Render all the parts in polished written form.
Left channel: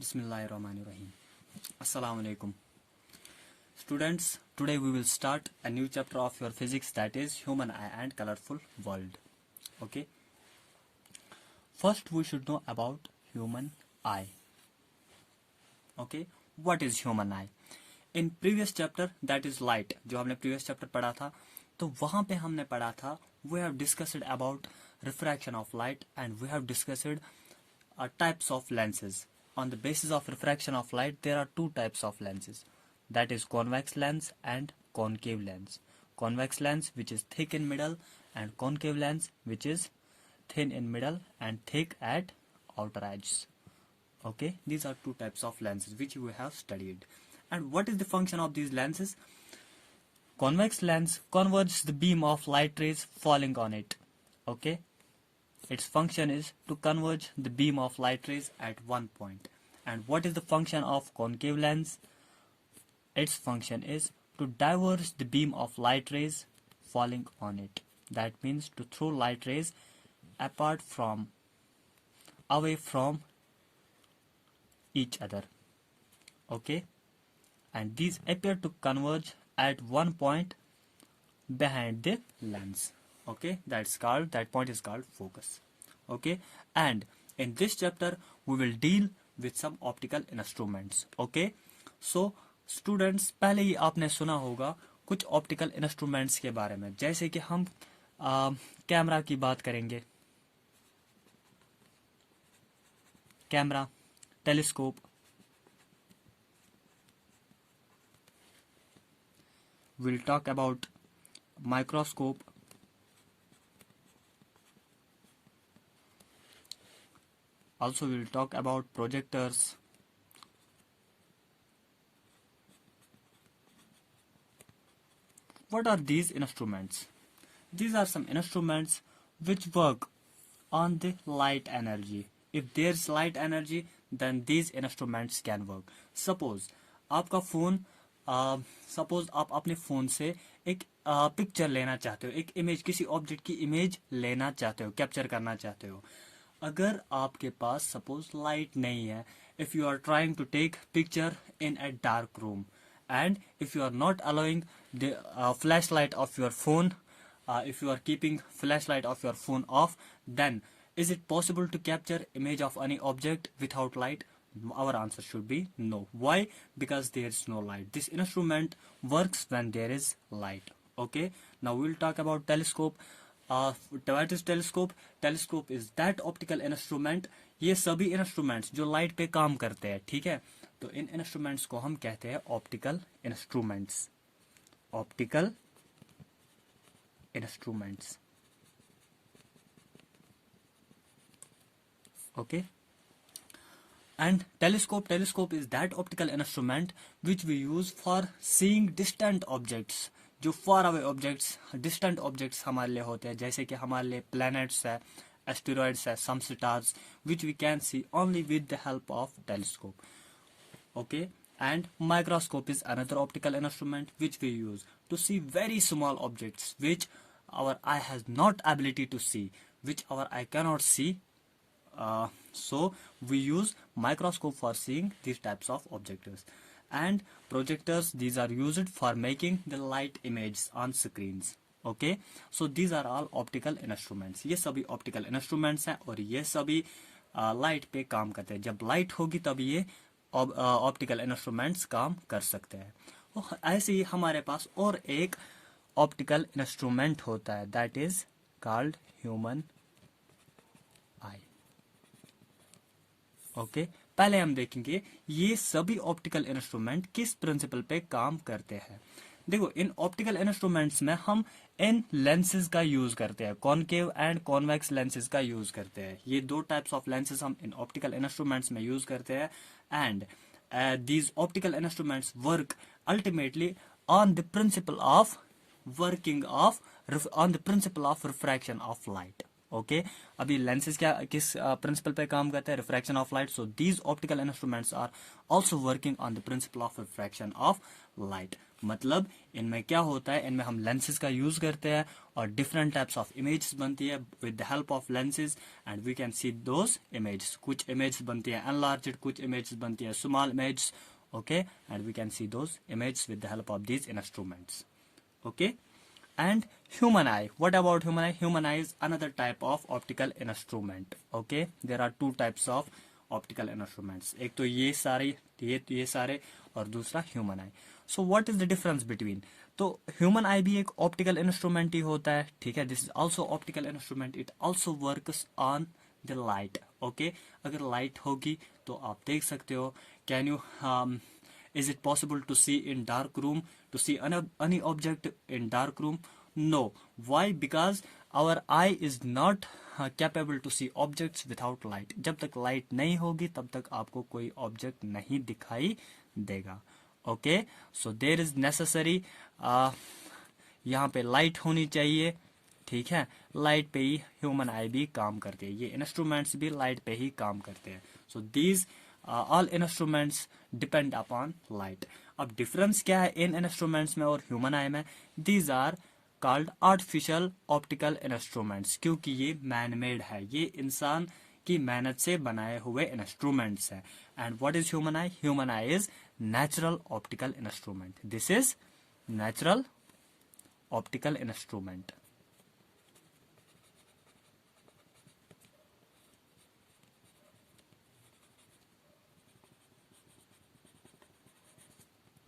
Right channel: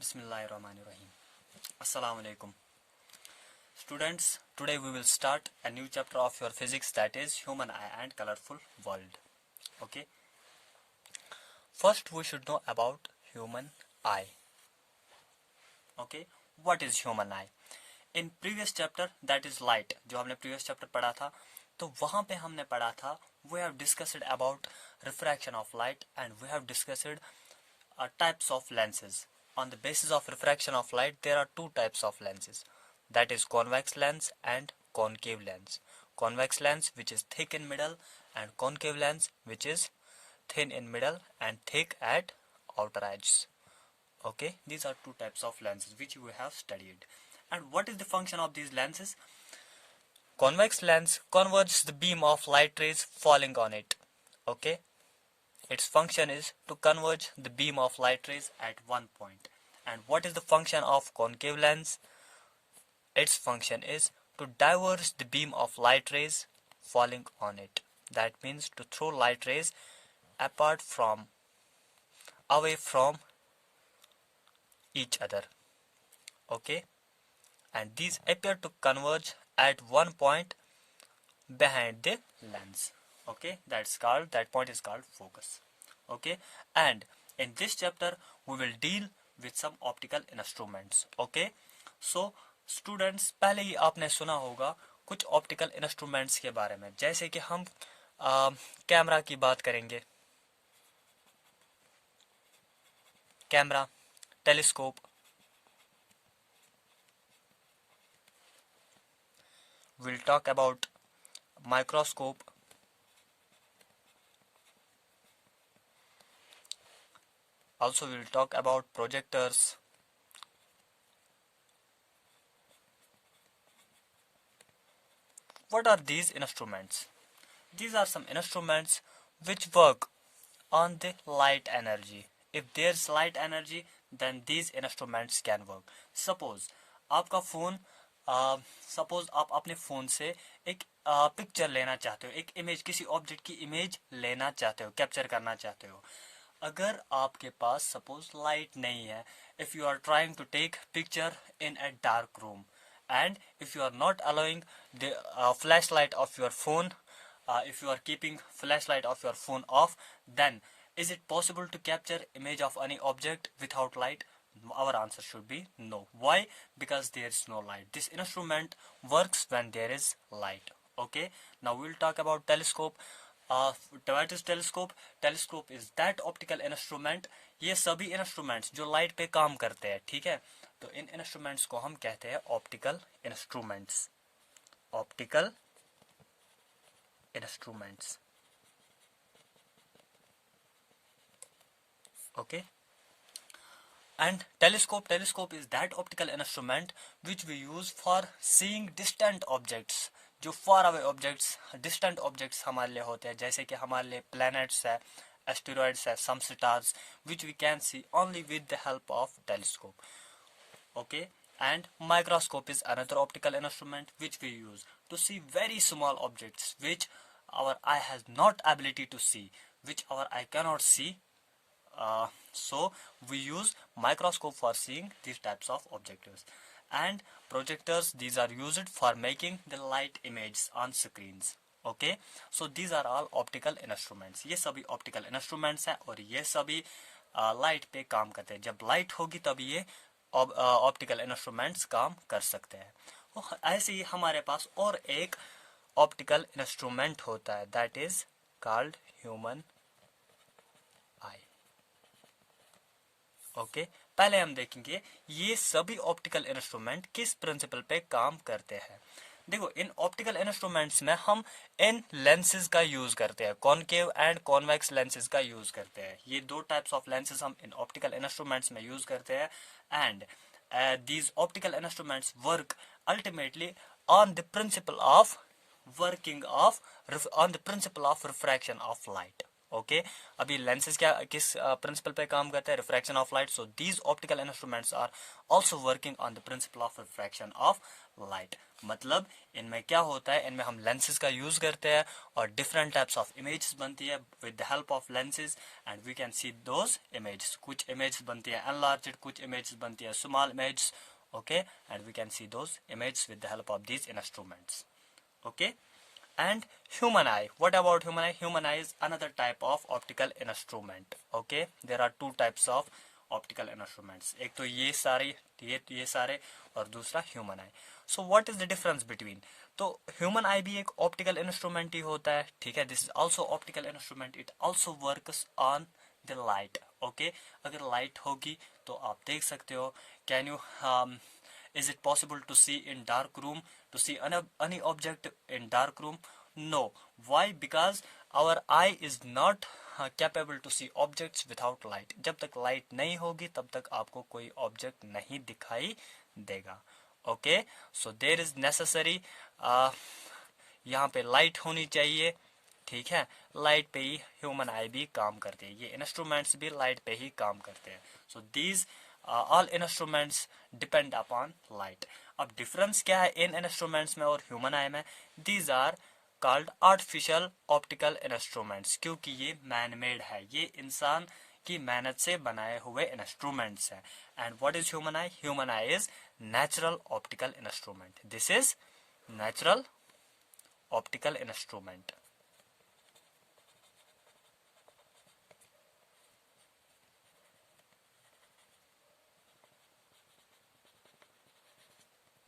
Bismillahirrahmanirrahim. Assalamu alaikum. Students, today we will start a new chapter of your physics, that is human eye and colorful world. Okay. First we should know about human eye. Okay. What is human eye? In previous chapter, that is light, जो हमने previous chapter पढ़ा था, तो वहाँ पे हमने पढ़ा था, we have discussed about refraction of light and we have discussed types of lenses. On the basis of refraction of light, there are two types of lenses, that is convex lens and concave lens. Convex lens, which is thick in middle, and concave lens, which is thin in middle and thick at outer edges. Okay, these are two types of lenses which we have studied. And what is the function of these lenses? Convex lens converges the beam of light rays falling on it. Okay, its function is to converge the beam of light rays at one point. And what is the function of concave lens? Its function is to diverge the beam of light rays falling on it. That means to throw light rays away from each other. Okay, and these appear to converge at one point behind the lens. Okay, that point is called focus. Okay, and in this chapter we will deal with some optical instruments. Okay, so students, पहले ही आपने सुना होगा कुछ optical instruments के बारे में, जैसे कि हम कैमरा की बात करेंगे, camera, telescope, we'll talk about microscope, also we'll talk about projectors, what are these instruments? These are some instruments which work on the light energy. If there's light energy, then these instruments can work. Suppose आपका phone suppose आप अपने phone से एक picture लेना चाहते हो, एक image, किसी ऑब्जेक्ट की इमेज लेना चाहते हो, कैप्चर करना चाहते हो. अगर आपके पास सपोज लाइट नहीं है, if you are trying to take picture in a dark room and if you are not allowing the flashlight of your phone, if you are keeping flashlight of your phone off, then is it possible to capture image of any object without light? Our answer should be no. Why? Because there is no light. This instrument works when there is light. Okay, now we will talk about telescope. What is telescope? Telescope is that optical instrument. ये सभी instruments जो light पे काम करते हैं, ठीक है, तो इन इंस्ट्रूमेंट्स को हम कहते हैं optical instruments. Optical instruments. Okay. And telescope is that optical instrument which we use for seeing distant objects. जो far away objects, distant objects हमारे लिए होते हैं, जैसे कि हमारे लिए planets है, asteroids है, some stars, which we can see only with the help of telescope. Okay, and microscope is another optical instrument which we use to see very small objects which our eye has not ability to see, which our eye cannot see. So we use microscope for seeing these types of objects. And projectors, these are used for making the light images on screens. Okay, so these are all optical instruments. ये सभी optical instruments हैं और ये सभी light पे काम करते हैं. जब लाइट होगी तब ये ऑप्टिकल इंस्ट्रूमेंट्स काम कर सकते हैं. ऐसे ही हमारे पास और एक ऑप्टिकल इंस्ट्रूमेंट होता है, that is called human eye. Okay, पहले हम देखेंगे ये सभी ऑप्टिकल इंस्ट्रूमेंट किस प्रिंसिपल पे काम करते हैं. देखो, इन ऑप्टिकल इंस्ट्रूमेंट्स में हम इन लेंसेज का यूज करते हैं, कॉनकेव एंड कॉन्वेक्स लेंसेज का यूज करते हैं. ये दो टाइप्स ऑफ लेंसेज हम इन ऑप्टिकल इंस्ट्रूमेंट्स में यूज करते हैं. And these optical instruments work ultimately on the principle of refraction of light. Okay, अभी लेंसेज किस प्रिंसिपल पे काम करते हैं? Refraction of light. So these optical instruments are also working on the principle of refraction of light. मतलब इनमें क्या होता है, इनमें हम लेंसेज का यूज करते हैं और डिफरेंट टाइप्स ऑफ इमेजेस बनती है with the help of lenses and we can see those images. कुछ इमेजेस बनती है एनलार्ज्ड, कुछ इमेजेस बनती है small images. Okay, and we can see those images with the help of these instruments. Okay, and human eye. What about human eye? Human eye is another type of optical instrument. Okay, there are two types of optical instruments. एक तो ये सारे और दूसरा human eye. So what is the difference between? तो human eye भी एक optical instrument ही होता है, ठीक है. This is also optical instrument. It also works on the light. Okay, अगर light होगी तो आप देख सकते हो. Can you is it possible to see in dark room, to see any object in dark room? No. Why? Because our eye is not capable to see objects without light. जब तक light नहीं होगी तब तक आपको कोई object नहीं दिखाई देगा. Okay, so there is necessary यहाँ पे light होनी चाहिए, ठीक है. लाइट पे ही ह्यूमन आई भी काम करते हैं, ये इंस्ट्रूमेंट्स भी लाइट पे ही काम करते हैं. So these all instruments depend upon light. अब डिफरेंस क्या है इन इंस्ट्रूमेंट्स में और ह्यूमन आई में? These are called artificial optical instruments, क्योंकि ये मैन मेड है, ये इंसान की मेहनत से बनाए हुए इंस्ट्रूमेंट्स हैं. And what is human I? Human I is natural optical instrument. This is natural optical instrument.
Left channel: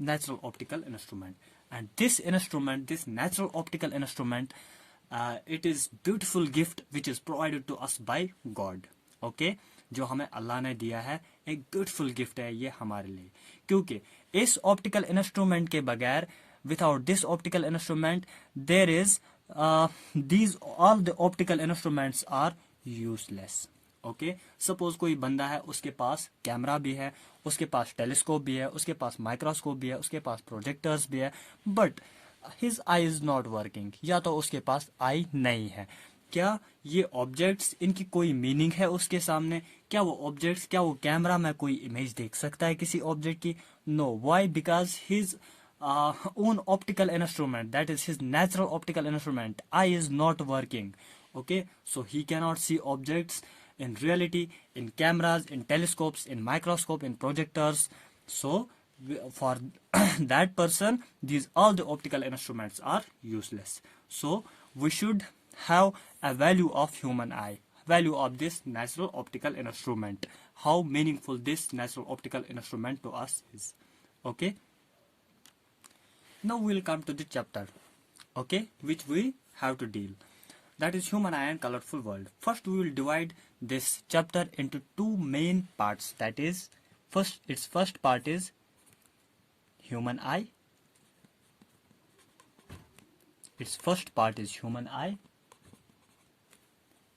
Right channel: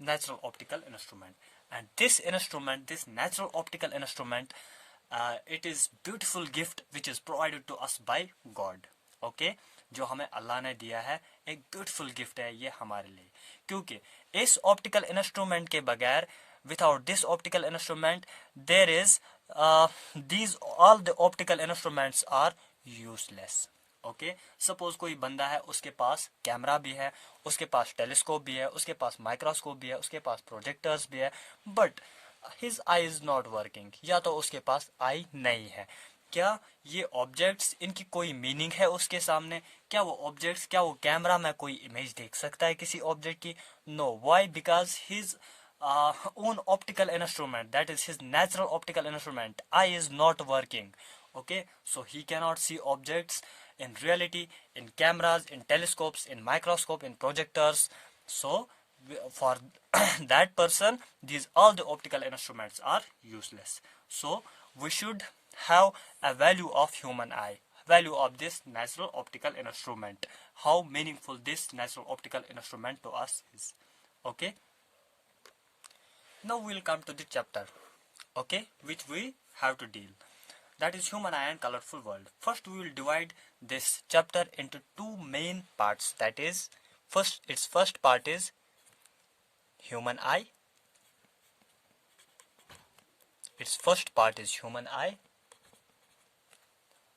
Natural optical instrument, and this natural optical instrument, it is beautiful gift which is provided to us by God. Okay, जो हमें अल्लाह ने दिया है, एक beautiful gift है ये हमारे लिए, क्योंकि इस ऑप्टिकल इंस्ट्रूमेंट के बगैर, without this optical instrument, there is these all the optical instruments are useless. Okay, suppose कोई बंदा है, उसके पास कैमरा भी है, उसके पास टेलीस्कोप भी है, उसके पास माइक्रोस्कोप भी है, उसके पास प्रोजेक्टर्स भी है, but his I is not working, या तो उसके पास आई नहीं है. क्या ये ऑब्जेक्ट्स, इनकी कोई मीनिंग है उसके सामने? क्या वो ऑब्जेक्ट्स, क्या वो कैमरा में कोई इमेज देख सकता है किसी ऑब्जेक्ट की? No. Why? Because his own optical instrument, that is his natural optical instrument, eye is not working. Okay, so he cannot see objects in reality, in cameras, in telescopes, in microscope, in projectors. So for that person, these all the optical instruments are useless. So we should have a value of human eye, value of this natural optical instrument, how meaningful this natural optical instrument to us is. Okay, now we'll come to the chapter, okay, which we have to deal. That is human eye and colorful world. First, we will divide this chapter into two main parts. That is, its first part is human eye. Its first part is human eye,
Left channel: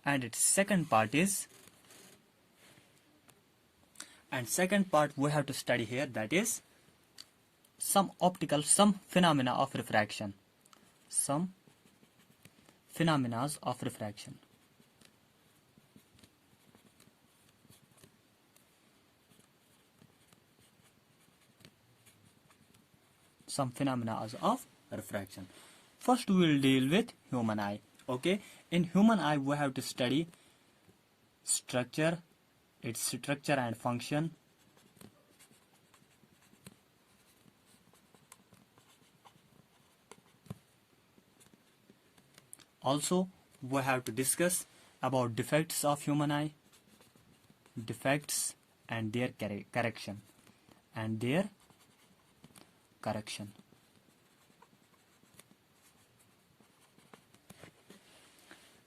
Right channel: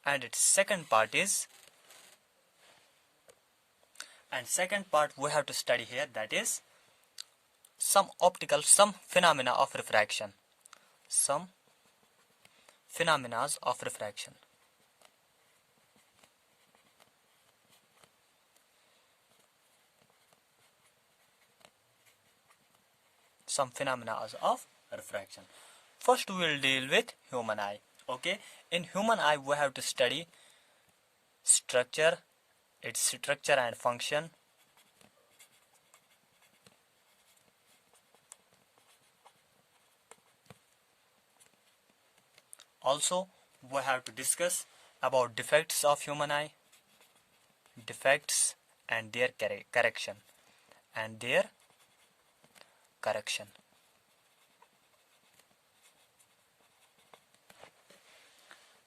and its second part we have to study here. That is some phenomena of refraction. Some phenomena of refraction. Some phenomena of refraction. First, we will deal with human eye. Okay, in human eye, we have to study structure, its structure and function. Also, we have to discuss about defects of human eye, defects and their correction,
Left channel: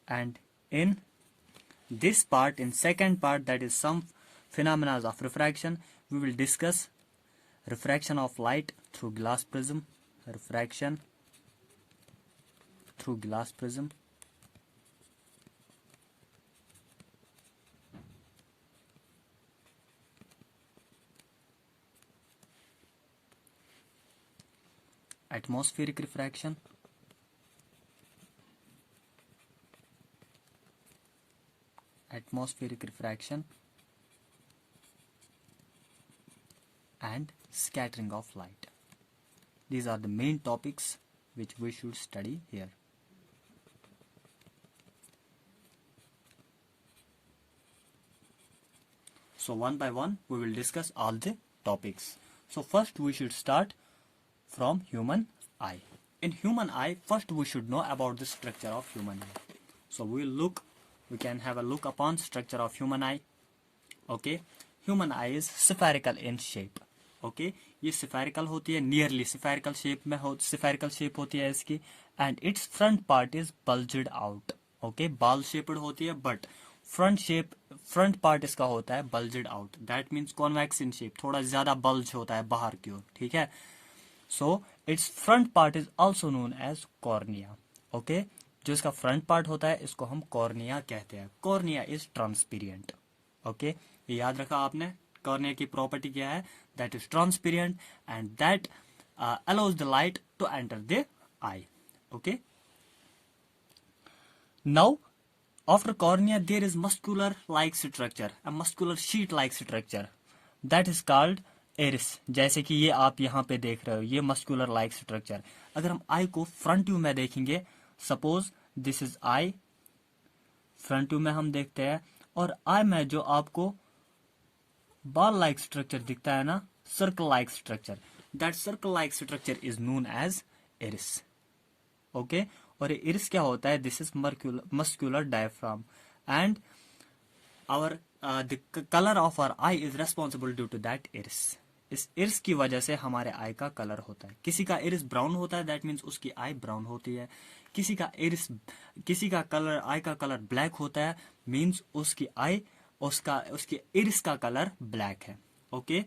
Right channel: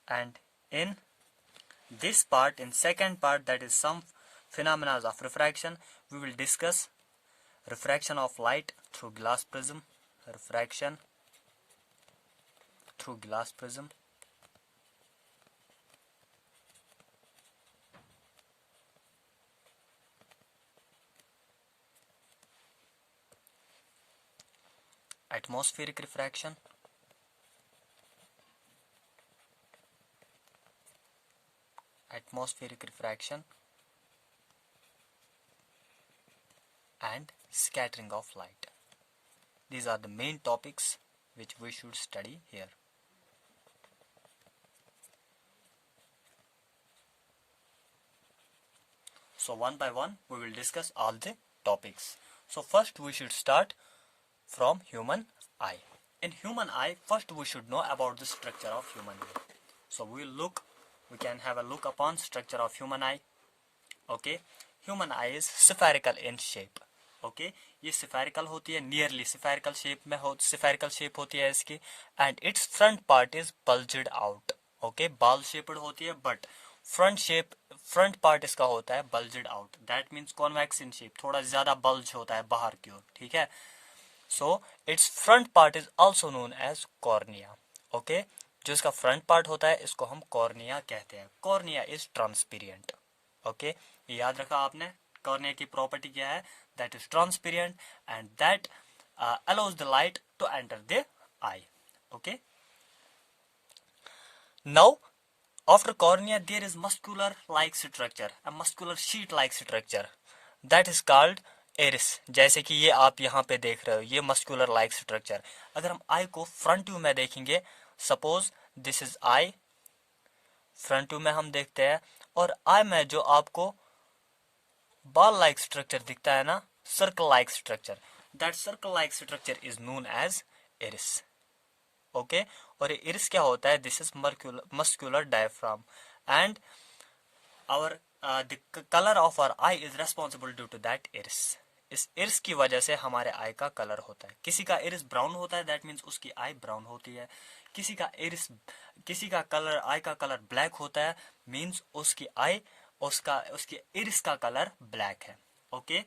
And in this part, in second part, that is some phenomena of refraction, we will discuss refraction of light through glass prism, refraction through glass prism, atmospheric refraction, and scattering of light. These are the main topics which we should study here. So one by one we will discuss all the topics. So first we should start from human eye. In human eye, first we should know about the structure of human eye. So we can have a look upon structure of human eye. Okay, human eye is spherical in shape. Okay, ये spherical होती है, nearly spherical shape में spherical shape होती है इसकी, and its front part is bulged out. Okay, ball shaped होती है, but front part इसका होता है bulged out. That means convex in shape, थोड़ा ज्यादा bulge होता है बाहर की ओर. ठीक है. So its front part is also known as cornea. Okay, जो इसका front part होता है इसको हम cornea कहते हैं. Cornea is transparent. Okay, ये याद रखा आपने. Cornea की property क्या है? That is transparent and that allows the light to enter the eye. Okay. Now, after cornea there is muscular-like structure, a muscular sheet-like structure that is called iris. जैसे कि ये आप यहाँ पे देख रहे हो, ये मस्कुलर लाइक स्ट्रक्चर. अगर हम आई को फ्रंट व्यू में देखेंगे, suppose this is I, front view में हम देखते हैं, और आई में जो आपको बॉल लाइक स्ट्रक्चर दिखता है ना, circle like structure, that circle like structure is known as iris. Okay, और ये इरिस क्या होता है? This is muscular diaphragm and our the colour of our eye is responsible due to that iris. इस iris की वजह से हमारे आई का कलर होता है. किसी का इरिस ब्राउन होता है, दैट मीन्स उसकी आई ब्राउन होती है. किसी का कलर, आई का कलर ब्लैक होता है, मीन्स उसकी आई उसकी इरिस का कलर ब्लैक है. Okay,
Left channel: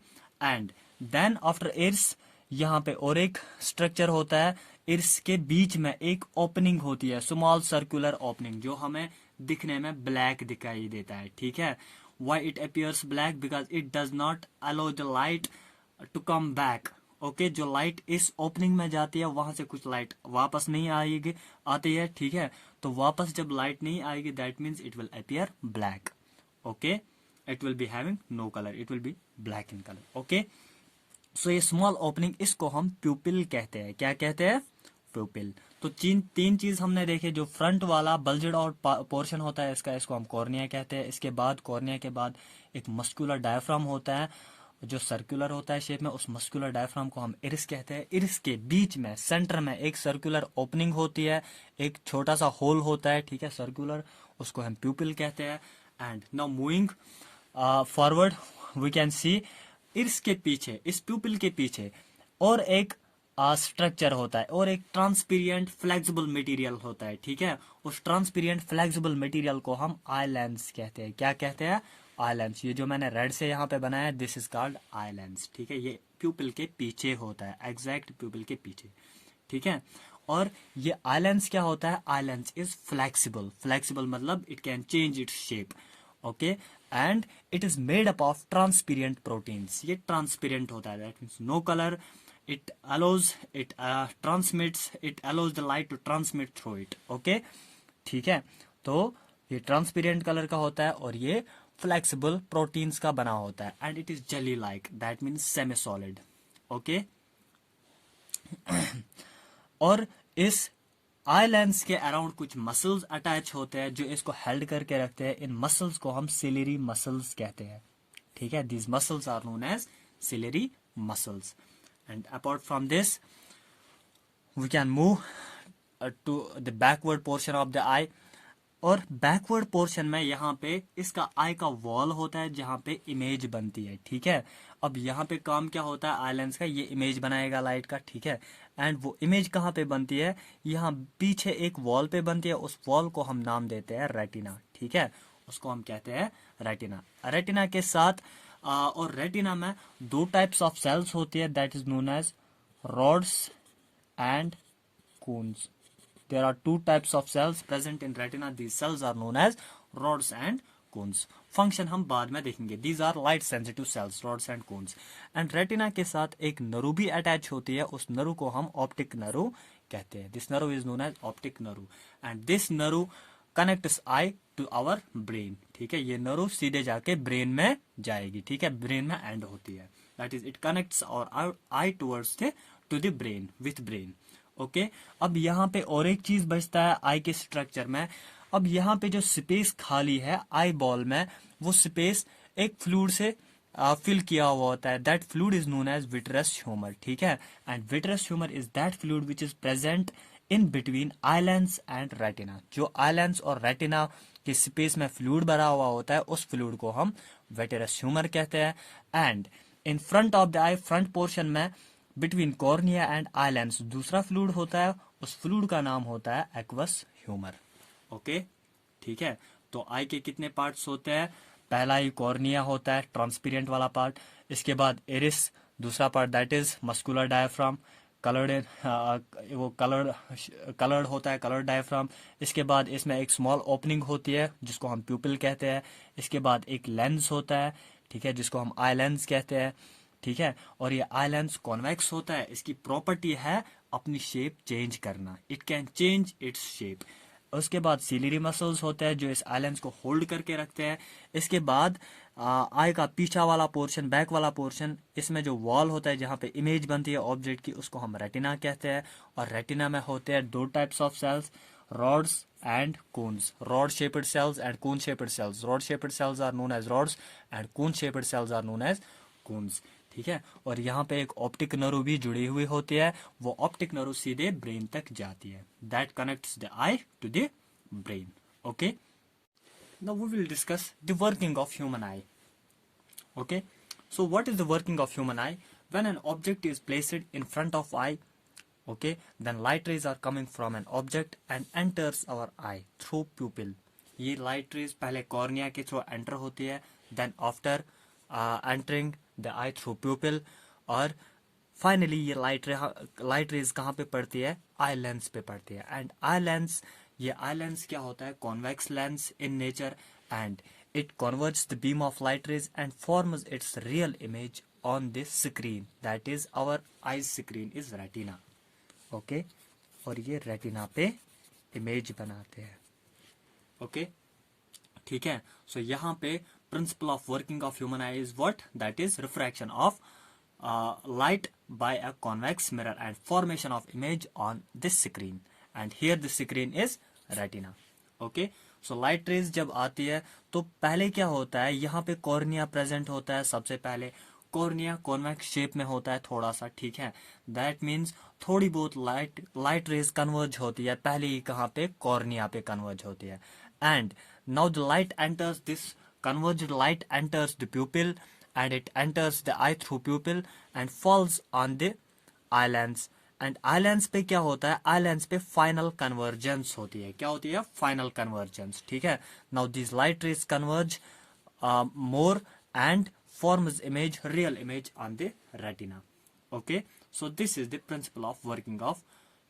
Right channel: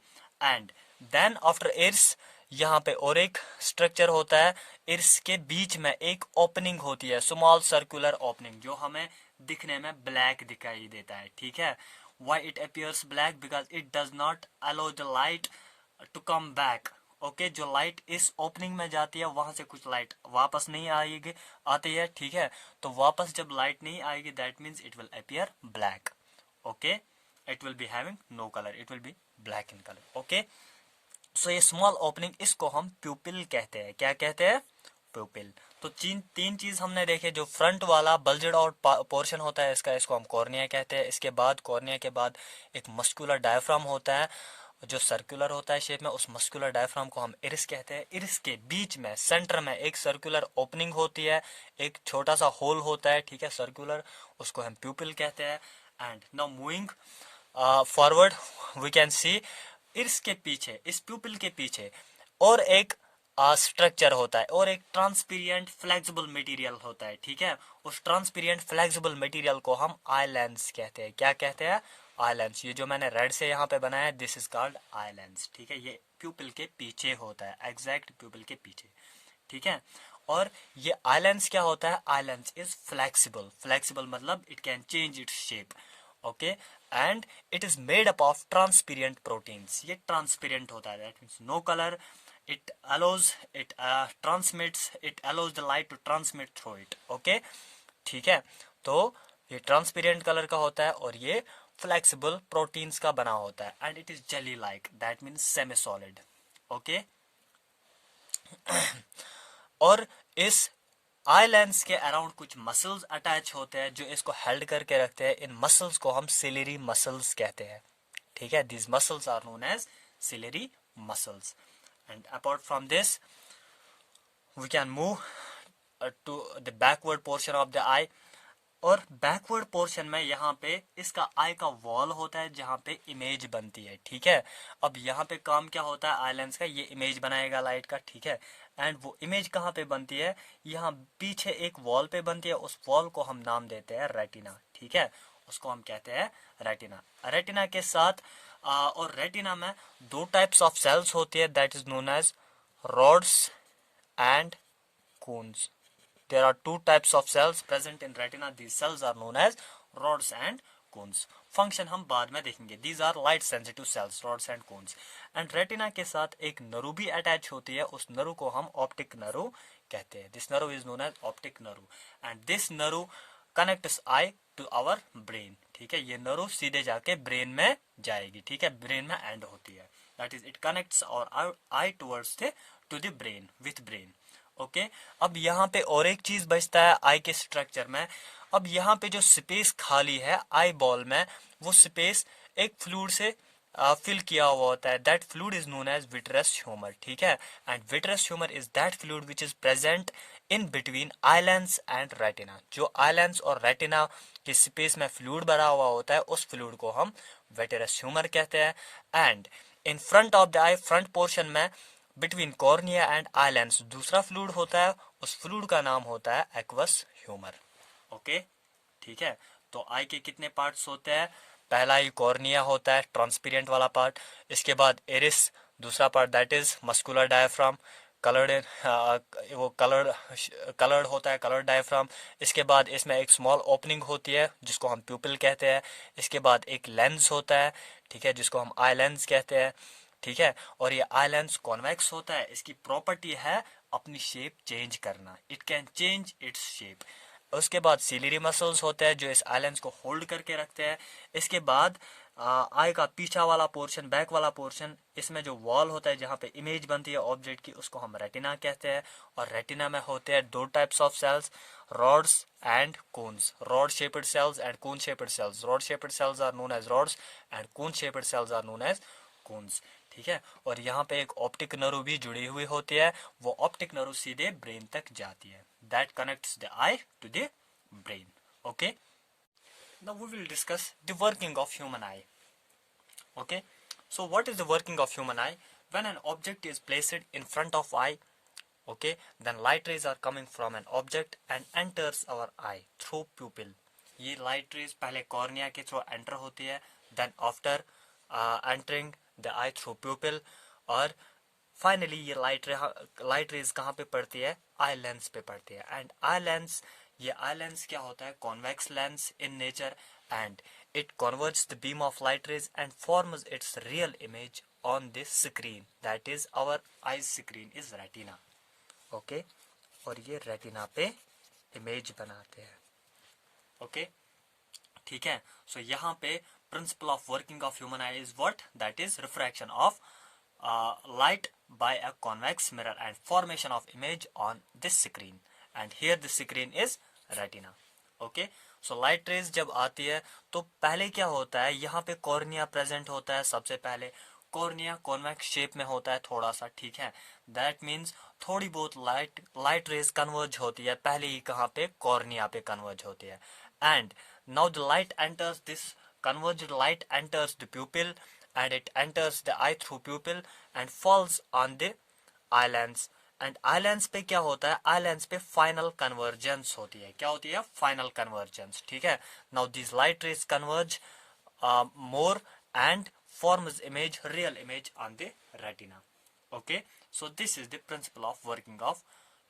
and then after iris यहाँ पे और एक स्ट्रक्चर होता है. इरिस के बीच में एक ओपनिंग होती है, स्मॉल सर्कुलर ओपनिंग, जो हमें दिखने में ब्लैक दिखाई देता है. ठीक है. Why it appears black? Because it does not allow the light to come back. Okay, जो लाइट इस ओपनिंग में जाती है वहां से कुछ लाइट वापस नहीं आती है. ठीक है, तो वापस जब लाइट नहीं आएगी, that means it will appear black. Okay, it will be having no colour, it will be black in colour. Okay, so ये स्मॉल ओपनिंग, इसको हम प्यूपिल कहते हैं. क्या कहते हैं? प्यूपिल. तो तीन चीज हमने देखे. जो फ्रंट वाला बल्जेड आउट पोर्शन होता है इसको हम कॉर्निया कहते हैं. इसके बाद कॉर्निया के बाद एक मस्कुलर डायफ्राम होता है जो सर्कुलर होता है शेप में. उस मस्कुलर डायफ्राम को हम इरिस कहते हैं. इरिस के बीच में सेंटर में एक सर्कुलर ओपनिंग होती है, एक छोटा सा होल होता है. ठीक है, सर्कुलर, उसको हम प्यूपिल कहते हैं. And now moving forward we can see iris के पीछे, इस प्यूपिल के पीछे और एक स्ट्रक्चर होता है, और एक ट्रांसपेरेंट फ्लेक्सिबल मटेरियल होता है. ठीक है, उस ट्रांसपेरेंट फ्लेक्सिबल मटेरियल को हम आई लेंस कहते हैं. क्या कहते हैं? Eye lens. ये जो मैंने रेड से यहाँ पे बनाया है, this is called eye lens. ठीक है, ये प्यूपिल के पीछे होता है, एग्जैक्ट प्यूपिल के पीछे. ठीक है, और ये आई लेंस क्या होता है? Eye lens is flexible. Flexible मतलब it can change its shape. Okay, and it is made up of transparent proteins. ये ट्रांसपेरेंट होता है, that means no colour. it allows the light to transmit through it. okay, ठीक है, तो ये transparent colour का होता है और ये फ्लेक्सिबल प्रोटीन्स का बना होता है. And it is jelly like, that means semi solid. Okay, और इस आई लेंस के अराउंड कुछ मसल्स अटैच होते हैं जो इसको हेल्ड करके रखते हैं. इन मसल्स को हम सिलेरी मसल्स कहते हैं. ठीक है, these muscles are known as ciliary muscles. And apart from this, we can move to the backward portion of the eye. और बैकवर्ड पोर्शन में यहाँ पे इसका आई का वॉल होता है जहाँ पे इमेज बनती है. ठीक है, अब यहाँ पे काम क्या होता है आई लेंस का? ये इमेज बनाएगा लाइट का. ठीक है, एंड वो इमेज कहाँ पे बनती है? यहाँ पीछे एक वॉल पे बनती है. उस वॉल को हम नाम देते हैं रेटिना. ठीक है, उसको हम कहते हैं रेटिना. रेटिना के साथ और रेटिना में दो टाइप्स ऑफ सेल्स होती है, that is known as rods and cones. There are two types of cells present in retina. These cells are known as rods and cones. Function हम बाद में देखेंगे. These are light sensitive cells, rods and cones. And retina के साथ एक नरू भी attach होती है. उस नरू को हम ऑप्टिक नरू कहते हैं. This Naru is known as optic Naru. And this Naru connects eye to our brain. ठीक है, ये नरू सीधे जाके ब्रेन में जाएगी. ठीक है, ब्रेन में एंड होती है. That is, it connects our eye towards the to the brain with brain. Okay, अब यहाँ पे और एक चीज बचता है आई के स्ट्रक्चर में। अब यहाँ पे जो स्पेस खाली है आई बॉल में, वो स्पेस एक फ्लूइड से फिल किया हुआ होता है। That fluid is known as vitreous humour, ठीक है। And vitreous humour is that fluid which is present in between eye lens and retina. जो आईलेंस और रेटिना के स्पेस में फ्लूइड भरा हुआ होता है, उस फ्लूइड को हम विट्रस ह्यूमर कहते हैं। And in front of the I, front portion में बिटवीन कॉर्निया एंड आईलेंस दूसरा फ्लूइड होता है, उस फ्लूइड का नाम होता है एक्वस ह्यूमर। ओके, ठीक है। तो आई के कितने पार्ट्स होते हैं? पहला ही कॉर्निया होता है, ट्रांसपेरेंट वाला पार्ट। इसके बाद एरिस, दूसरा part that is muscular diaphragm, coloured वो कलर्ड होता है, कलर्ड डायफ्राम। इसके बाद इसमें एक स्मॉल ओपनिंग होती है जिसको हम प्यूपिल कहते हैं। इसके बाद एक लेंस होता है, ठीक है, जिसको हम आई लेंस कहते हैं, ठीक है। और ये आई लेंस कॉन्वेक्स होता है। इसकी प्रॉपर्टी है अपनी शेप चेंज करना, it can change its shape. उसके बाद सिलियरी मसल्स होते हैं जो इस आई लेंस को होल्ड करके रखते हैं। इसके बाद आई का पीछा वाला पोर्शन, बैक वाला पोर्शन, इसमें जो वॉल होता है जहाँ पे इमेज बनती है ऑब्जेक्ट की, उसको हम रेटिना कहते हैं। और रेटिना में होते हैं दो types of cells, rods and cones, rod shaped cells and cone shaped cells. Rod shaped cells are known as rods and cone shaped cells are known as cones, ठीक है। और यहाँ पे एक ऑप्टिक नर्व भी जुड़ी हुई होती है, वो ऑप्टिक नर्व सीधे ब्रेन तक जाती है, that connects the eye to the brain. Okay, now we will discuss the working of human eye. Okay, so what is the working of human eye? When an object is placed in front of eye, okay, then light rays are coming from an object and enters our eye through pupil. ये light rays पहले cornea के through enter होती है, then after entering the eye through pupil, और finally ये light rays कहाँ पे पड़ती है? eye lens पे पड़ती है। and eye lens, ये eye lens क्या होता है? convex lens in nature, and it converts the beam of light rays and forms its real image on this screen, that is our eye screen is retina। Okay, और ये retina पे image बनाते हैं। Okay, ठीक है। सो यहाँ पे principle of working of human I is what? That is refraction of light by a convex mirror and formation of image on this screen, and here this screen is retina. Okay, so light rays जब आती है तो पहले क्या होता है, यहाँ पे कॉर्निया प्रेजेंट होता है। सबसे पहले कॉर्निया कॉन्वेक्स शेप में होता है थोड़ा सा, ठीक है। दैट मीन्स थोड़ी बहुत लाइट रेज कन्वर्ज होती है, पहले ही कहाँ पे? कॉर्निया पे कन्वर्ज होती है। And now the light enters this converged light enters the pupil and it enters the eye through pupil and falls on the eye lens, and eye lens पे क्या होता है? eye lens पे final convergence होती है। क्या होती है? final convergence, ठीक है। now these light rays converge more and forms image, real image on the retina। okay, so this is the principle of working of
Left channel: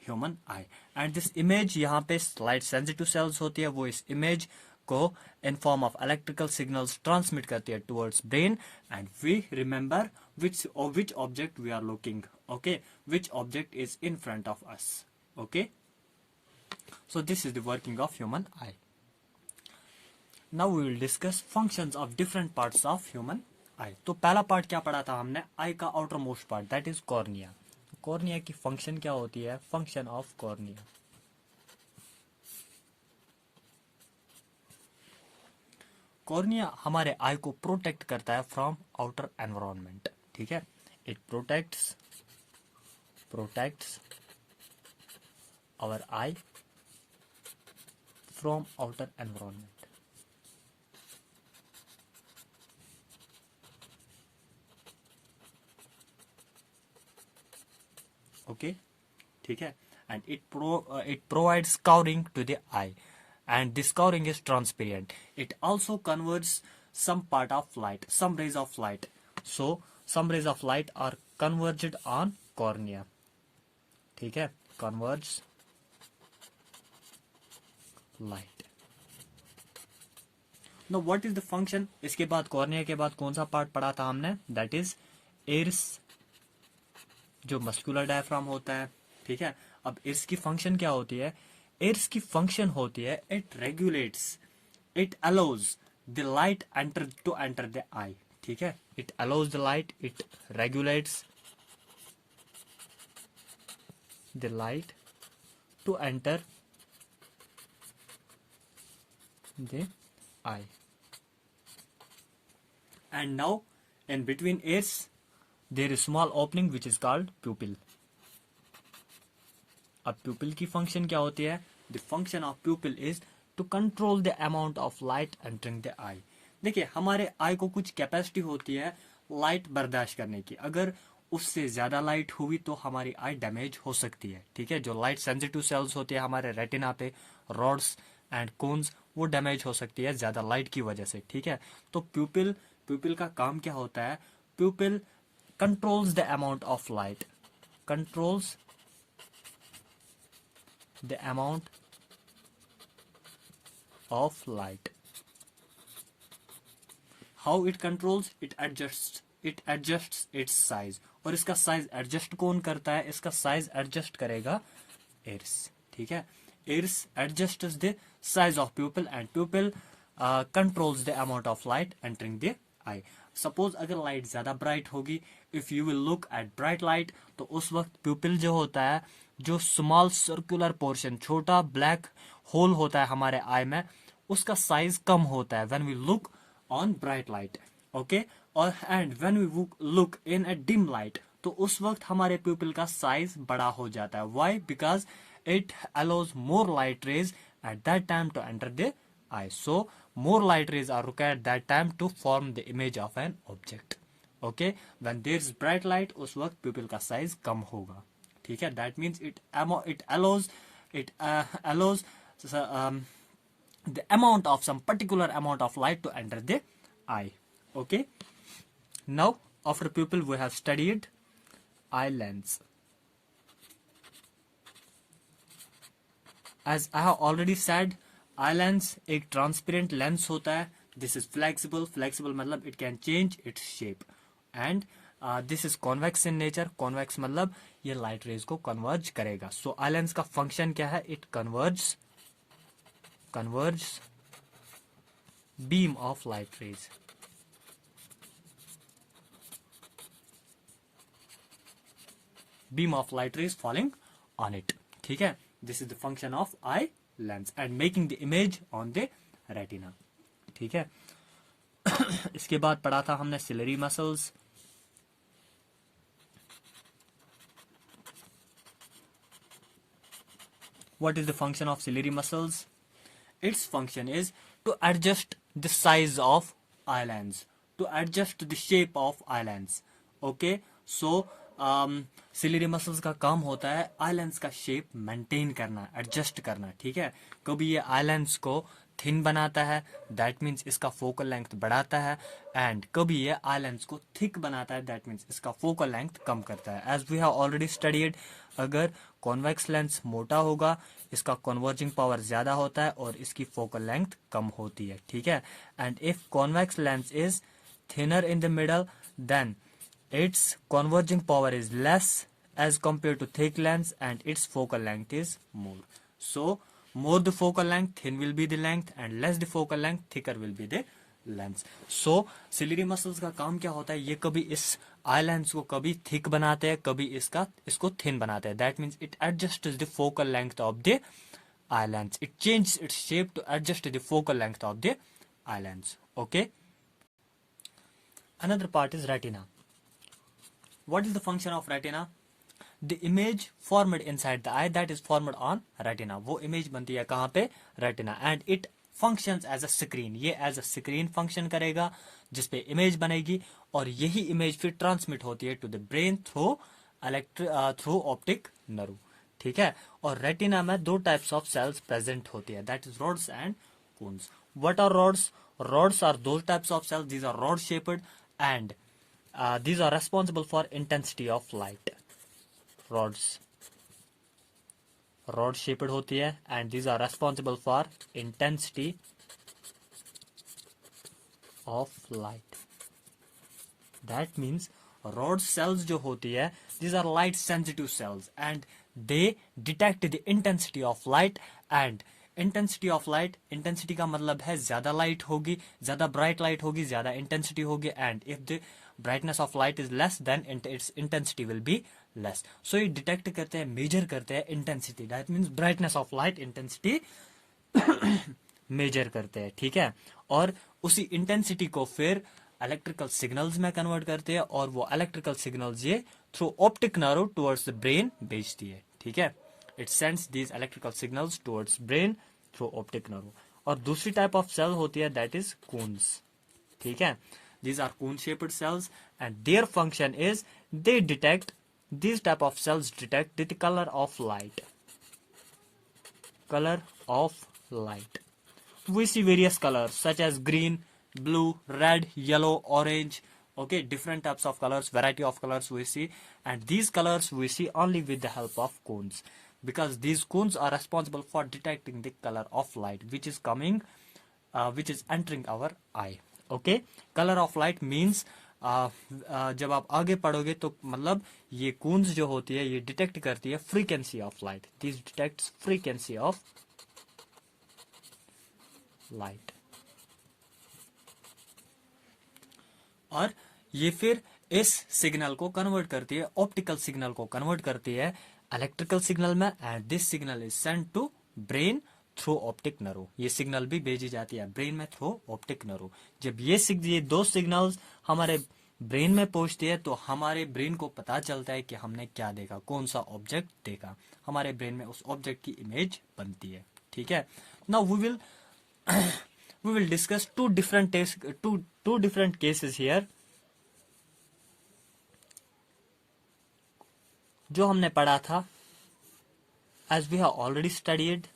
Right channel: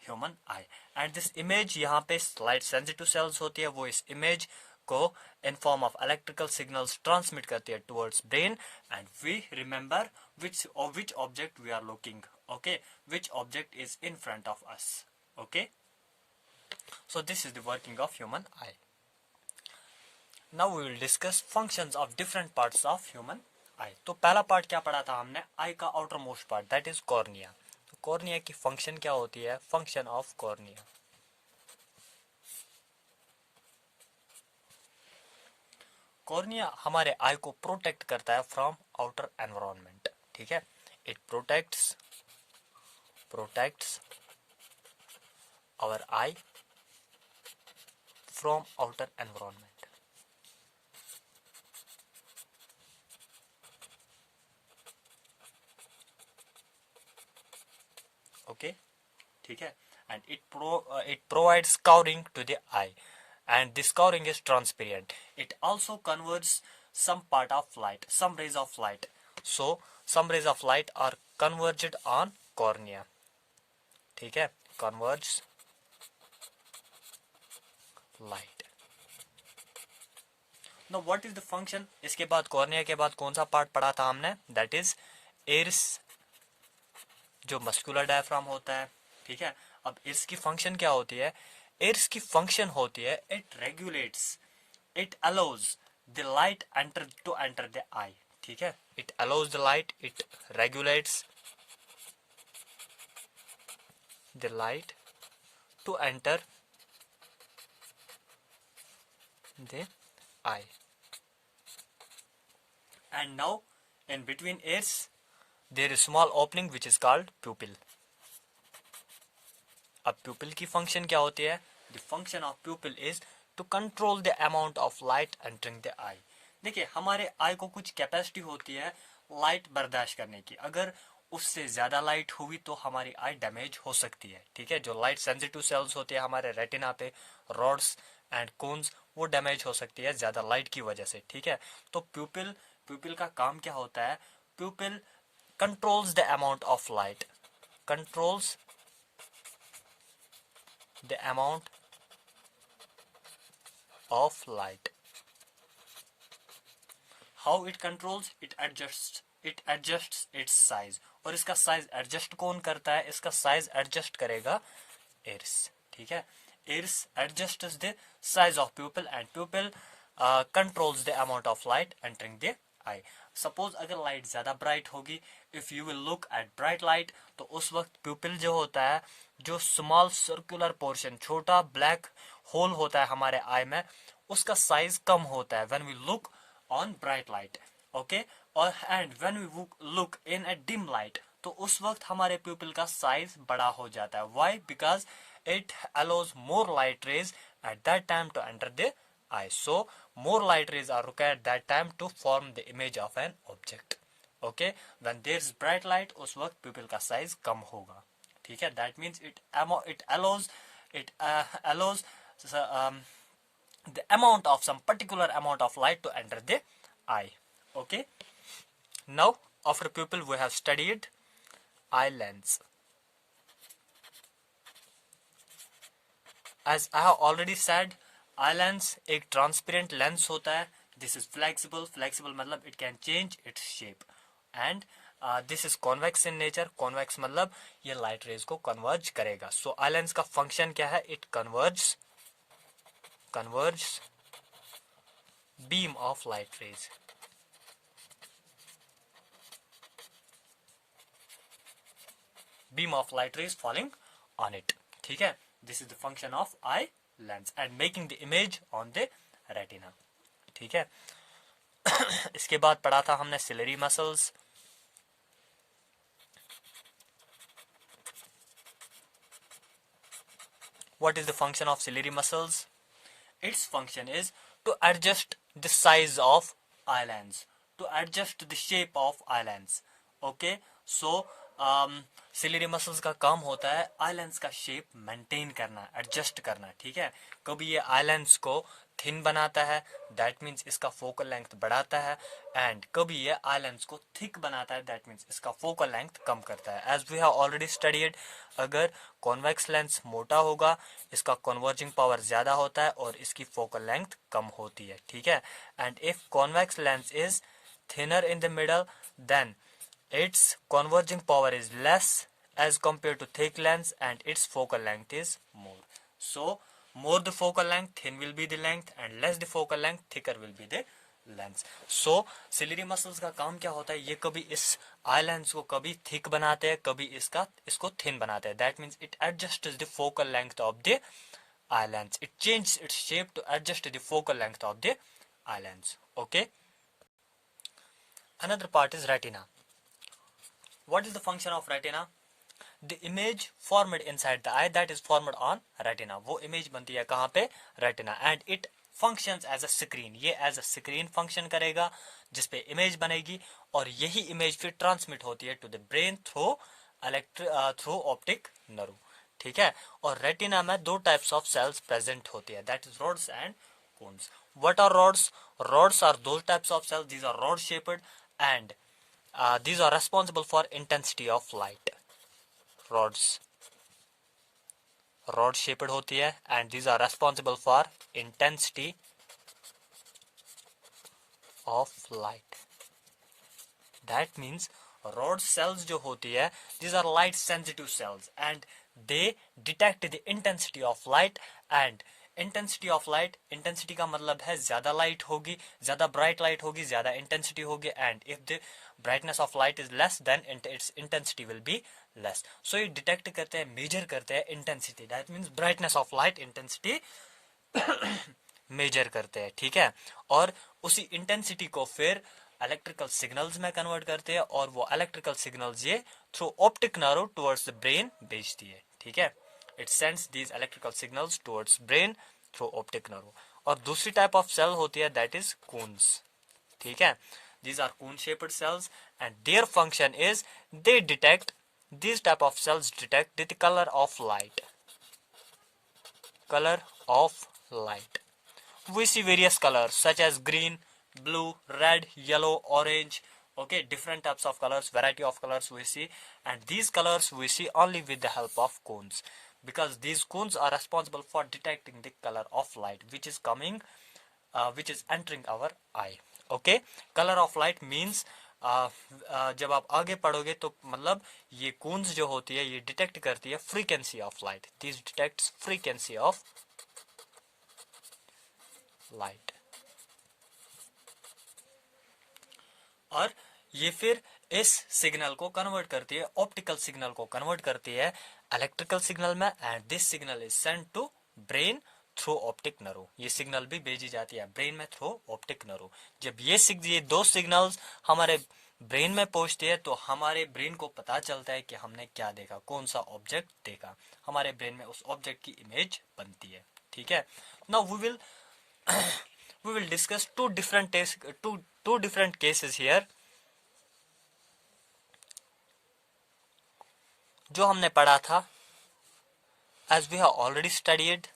human eye, and this image यहाँ पे light sensitive cells होती है, वो इस image को in form of electrical signals transmit करती है towards brain, and we remember which object we are looking, okay, which object is in front of us। okay, so this is the working of human eye। now we will discuss functions of different parts of human eye। तो पहला part क्या पढ़ा था हमने? आई का outer most part, that is cornea. Cornea की function क्या होती है? फंक्शन ऑफ कॉर्निया, कॉर्निया हमारे आई को प्रोटेक्ट करता है फ्रॉम आउटर एनवायरनमेंट, ठीक है। It protects our eye from outer environment. Okay, ठीक है। And it provides covering to the eye, and this covering is transparent। it also converts some part of light, some rays of light, so some rays of light are converged on cornea, ठीक है, converges light। now what is the function? इसके बाद cornea के बाद कौन सा part पढ़ा था हमने? that is iris, जो मस्कुलर डायफ्राम होता है, ठीक है। अब इर्स की फंक्शन क्या होती है? इर्स की फंक्शन होती है it regulates, it allows the light to enter the eye, ठीक है। It allows the light, it regulates the light to enter the eye. And now in between ears there is small opening which is called pupil. अब pupil की function क्या होती है? The function of pupil is to control the amount of light entering the eye. देखिए हमारे आई को कुछ capacity होती है लाइट बर्दाश्त करने की. अगर उससे ज्यादा लाइट हुई तो हमारी आई डैमेज हो सकती है. ठीक है, जो लाइट सेंसिटिव सेल्स होती है हमारे रेटिना पे, रॉड्स एंड कोन्स, वो डैमेज हो सकती है ज्यादा लाइट की वजह से. ठीक है, तो प्यूपिल का काम क्या होता है? प्यूपिल controls the amount of light, controls the amount of light. How it controls? It adjusts its size. और इसका साइज एडजस्ट कौन करता है? इसका साइज एडजस्ट करेगा एयर्स. ठीक है, years adjusts the size of pupil and pupil controls the amount of light entering the eye. Suppose अगर लाइट ज्यादा ब्राइट होगी, if you will look at bright light, तो उस वक्त प्यूपिल जो होता है, जो स्मॉल सर्कुलर पोर्शन, छोटा ब्लैक होल होता है हमारे आई में, उसका साइज कम होता है when we look on bright light. Okay, और and when we look in a dim light, तो उस वक्त हमारे प्यूपिल का साइज बड़ा हो जाता है. Why? Because it allows more light rays at that time to enter the eye. So more light rays are required that time to form the image of an object. Okay, when there is bright light, उस वक्त pupil का size कम होगा. ठीक है, that means it allows the amount of some particular amount of light to enter the eye. Okay, now after pupil we have studied eye lens. As I have already said, eye lens एक transparent lens होता है. This is flexible मतलब it can change its shape. And this is convex in nature. Convex मतलब ये light rays को converge करेगा. सो eye lens का function क्या है? It converge beam of light rays. Beam of light rays falling on it. ठीक है, this is the function of I lens and making the image on the retina. ठीक है, इसके बाद पढ़ा था हमने ciliary muscles. What is the function of ciliary muscles? Its function is to adjust the size of eye lens, to adjust the shape of eye lens. Okay, so ciliary muscles का काम होता है आई लेंस का shape maintain करना, adjust करना. ठीक है, कभी ये आई लेंस को थिन बनाता है, दैट मीन्स इसका फोकल लेंथ बढ़ाता है, एंड कभी ये आई लेंस को थिक बनाता है, दैट मीन्स इसका फोकल लेंथ कम करता है. As we have already studied, अगर कॉन्वेक्स लेंस मोटा होगा, इसका कन्वर्जिंग पावर ज्यादा होता है और इसकी फोकल लेंथ कम होती है. ठीक है, and if convex lens is thinner in the middle, then its converging power is less as compared to thick lens and its focal length is more. So more the focal length, thin will be the length, and less the focal length, thicker will be the lens. So ciliary muscles का काम क्या होता है? ये कभी इस आई lens को कभी थिक बनाते हैं, कभी इसको थिन बनाते हैं. That means it adjusts the focal length of the eye lens. It changes its shape to adjust the focal length of the eye lens. Okay. Another part is retina. What is the function of retina? The image formed inside the eye, that is formed on retina. वो image बनती है कहाँ पे? retina. And it functions as a screen. ये as a screen function करेगा जिसपे image बनेगी, और यही image फिर transmit होती है to the brain through optic nerve. ठीक है, और retina में दो types of cells present होती है, that is rods and cones. What are rods? Rods are those types of cells, these are rod shaped, and these are responsible for intensity of light. rod shaped होती है, and these are responsible for intensity of light. That means rod cells जो होती है, these are light sensitive cells and they detect the intensity of light. And intensity of light, intensity का मतलब है ज्यादा light होगी, ज्यादा ब्राइट लाइट होगी, ज्यादा इंटेंसिटी होगी. And if the brightness of light is less, then its intensity will be less. So ये डिटेक्ट करते हैं, मेजर करते हैं intensity, that means brightness of light intensity major करते हैं, ठीक है। और उसी इंटेंसिटी को फिर इलेक्ट्रिकल सिग्नल्स में कन्वर्ट करते हैं, और वो इलेक्ट्रिकल सिग्नल्स ये through optic nerve towards the brain भेजती है, ठीक है। It sends these electrical signals towards brain through optic nerve. और दूसरी टाइप ऑफ सेल होती है दैट इज कून्स, ठीक है। These are cone shaped cells and their function is they detect, these type of cells detect the color of light. Color of light. We see various colors such as green, blue, red, yellow, orange. Okay, different types of colors, variety of colors we see, and these colors we see only with the help of cones, because these cones are responsible for detecting the color of light which is coming, which is entering our eye. Okay, colour of light means जब आप आगे पढ़ोगे तो मतलब ये Coons जो होती है ये डिटेक्ट करती है frequency of light, this detects frequency of light. और ये फिर इस सिग्नल को कन्वर्ट करती है, ऑप्टिकल सिग्नल को कन्वर्ट करती है इलेक्ट्रिकल सिग्नल में, and this signal is send to brain through optic nerve. ये सिग्नल भी भेजी जाती है ब्रेन में थ्रू ऑप्टिक नर्व। जब ये दो सिग्नल्स हमारे ब्रेन में पहुंचती है तो हमारे ब्रेन को पता चलता है कि हमने क्या देखा, कौन सा ऑब्जेक्ट देखा, हमारे ब्रेन में उस ऑब्जेक्ट की इमेज बनती है, ठीक है। Now we will discuss two different cases here. जो हमने पढ़ा था, as we have already studied,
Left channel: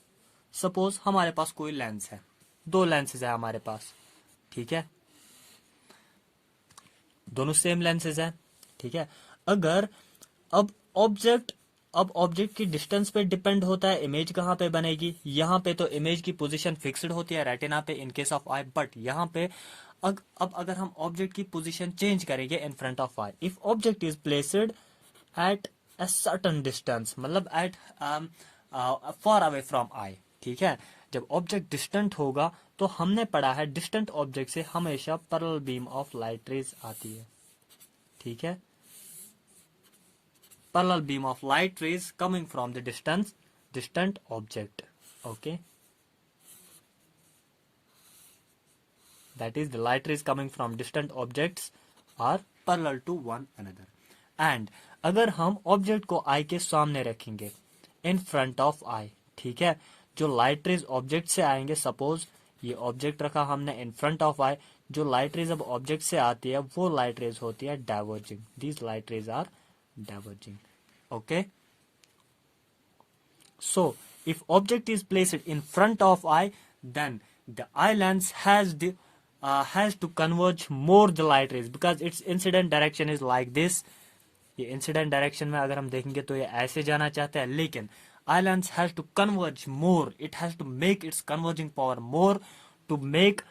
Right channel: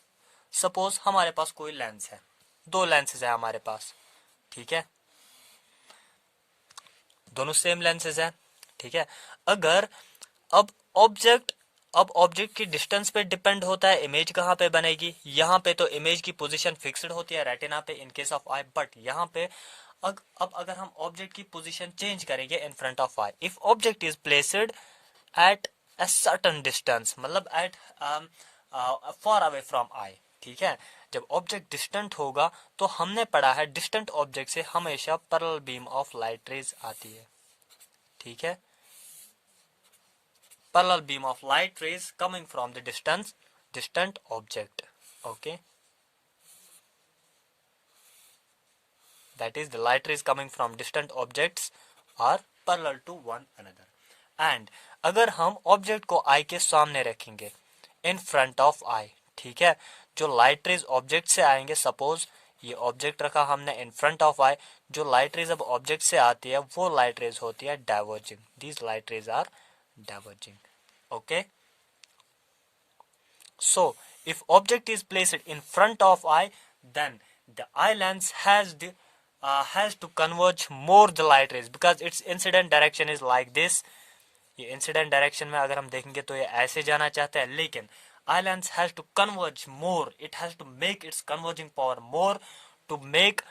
suppose हमारे पास कोई लेंस है, दो लेंसेज है हमारे पास, ठीक है, दोनों सेम लेंसेज है, ठीक है। अगर अब ऑब्जेक्ट की डिस्टेंस पे डिपेंड होता है इमेज कहाँ पे बनेगी। यहाँ पे तो इमेज की पोजीशन फिक्स्ड होती है रेटिना पे in case of I, but यहाँ पे अब अगर हम ऑब्जेक्ट की पोजीशन चेंज करेंगे in front of eye, if object is placed at a certain distance, मतलब at far away from eye, ठीक है। जब ऑब्जेक्ट डिस्टेंट होगा तो हमने पढ़ा है डिस्टेंट ऑब्जेक्ट से हमेशा parallel beam of light rays आती है, ठीक है। Parallel beam of light rays coming from the distant object, okay, that is the light rays coming from distant objects are parallel to one another. And अगर हम object को आई के सामने रखेंगे इन फ्रंट ऑफ आई, ठीक है, जो लाइट रेज ऑब्जेक्ट से आएंगे, सपोज ये ऑब्जेक्ट रखा हमने इन फ्रंट ऑफ आई, जो लाइट रेज अब ऑब्जेक्ट से आती है वो लाइट रेज होती है diverging, these light rays are diverging, okay. So if object is placed in front of eye, then the eye lens has to converge more the light rays because its incident direction is like this. ये incident direction में अगर हम देखेंगे तो ये ऐसे जाना चाहता है, लेकिन eye lens has to converge more, it has to make its converging power more to make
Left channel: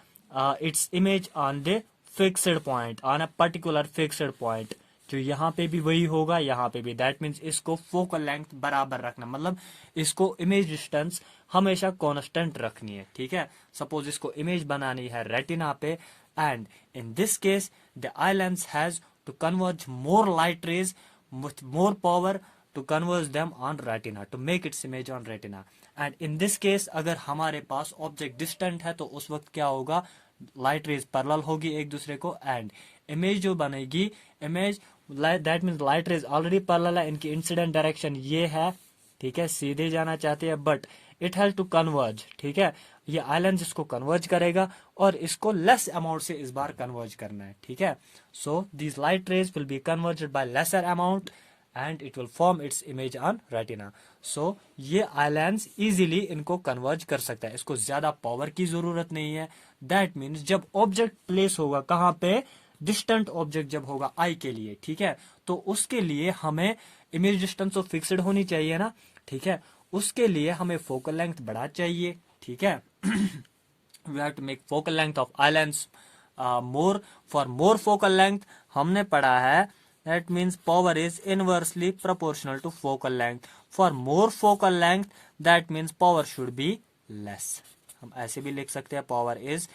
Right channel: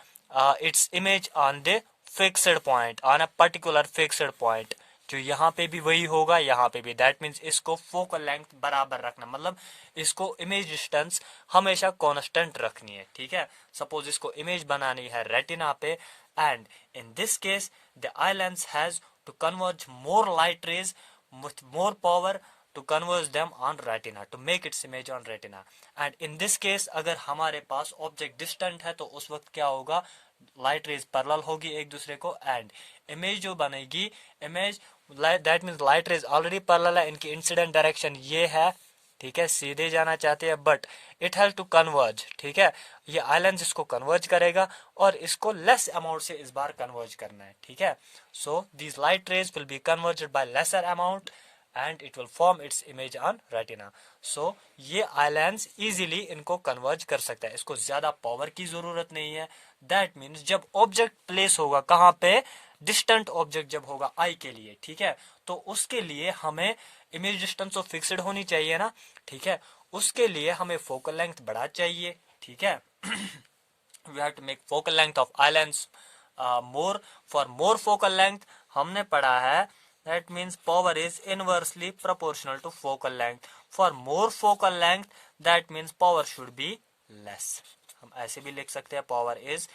its image on the fixed point, on a particular fixed point, जो यहाँ पे भी वही होगा, यहाँ पे भी। दैट मीन्स इसको फोकल लेंथ बराबर रखना, मतलब इसको इमेज डिस्टेंस हमेशा कांस्टेंट रखनी है, ठीक है। सपोज इसको इमेज बनानी है रेटिना पे, and in this case the I lens has to converge more light rays with more power to converge them on retina, to make its image on retina. And in this case अगर हमारे पास object distant है तो उस वक्त क्या होगा, light rays parallel होगी एक दूसरे को, एंड इमेज जो बनेगी, image that means light rays already parallel है, इनकी इंसिडेंट डायरेक्शन ये है, ठीक है, सीधे जाना चाहते हैं, but it has to converge, ठीक है। ये आई लेंस इसको कन्वर्ज करेगा और इसको लेस अमाउंट से इस बार कन्वर्ज करना है, ठीक है। So these light rays will be converged by lesser amount and it will form its image on retina. So ये आई लेंस इजीली इनको कन्वर्ज कर सकता है, इसको ज्यादा पावर की जरूरत नहीं है। दैट मीन्स जब ऑब्जेक्ट प्लेस होगा कहाँ पे, डिस्टेंट ऑब्जेक्ट जब होगा आई के लिए, ठीक है, तो उसके लिए हमें इमेज डिस्टेंस तो फिक्स्ड होनी चाहिए ना, ठीक है, उसके लिए हमें फोकल लेंथ बड़ा चाहिए, ठीक है। We have to make focal length of eye lens more, for more focal length हमने पढ़ा है that means power is inversely proportional to focal length, for more focal length that means power should be less. हम ऐसे भी लिख सकते हैं power is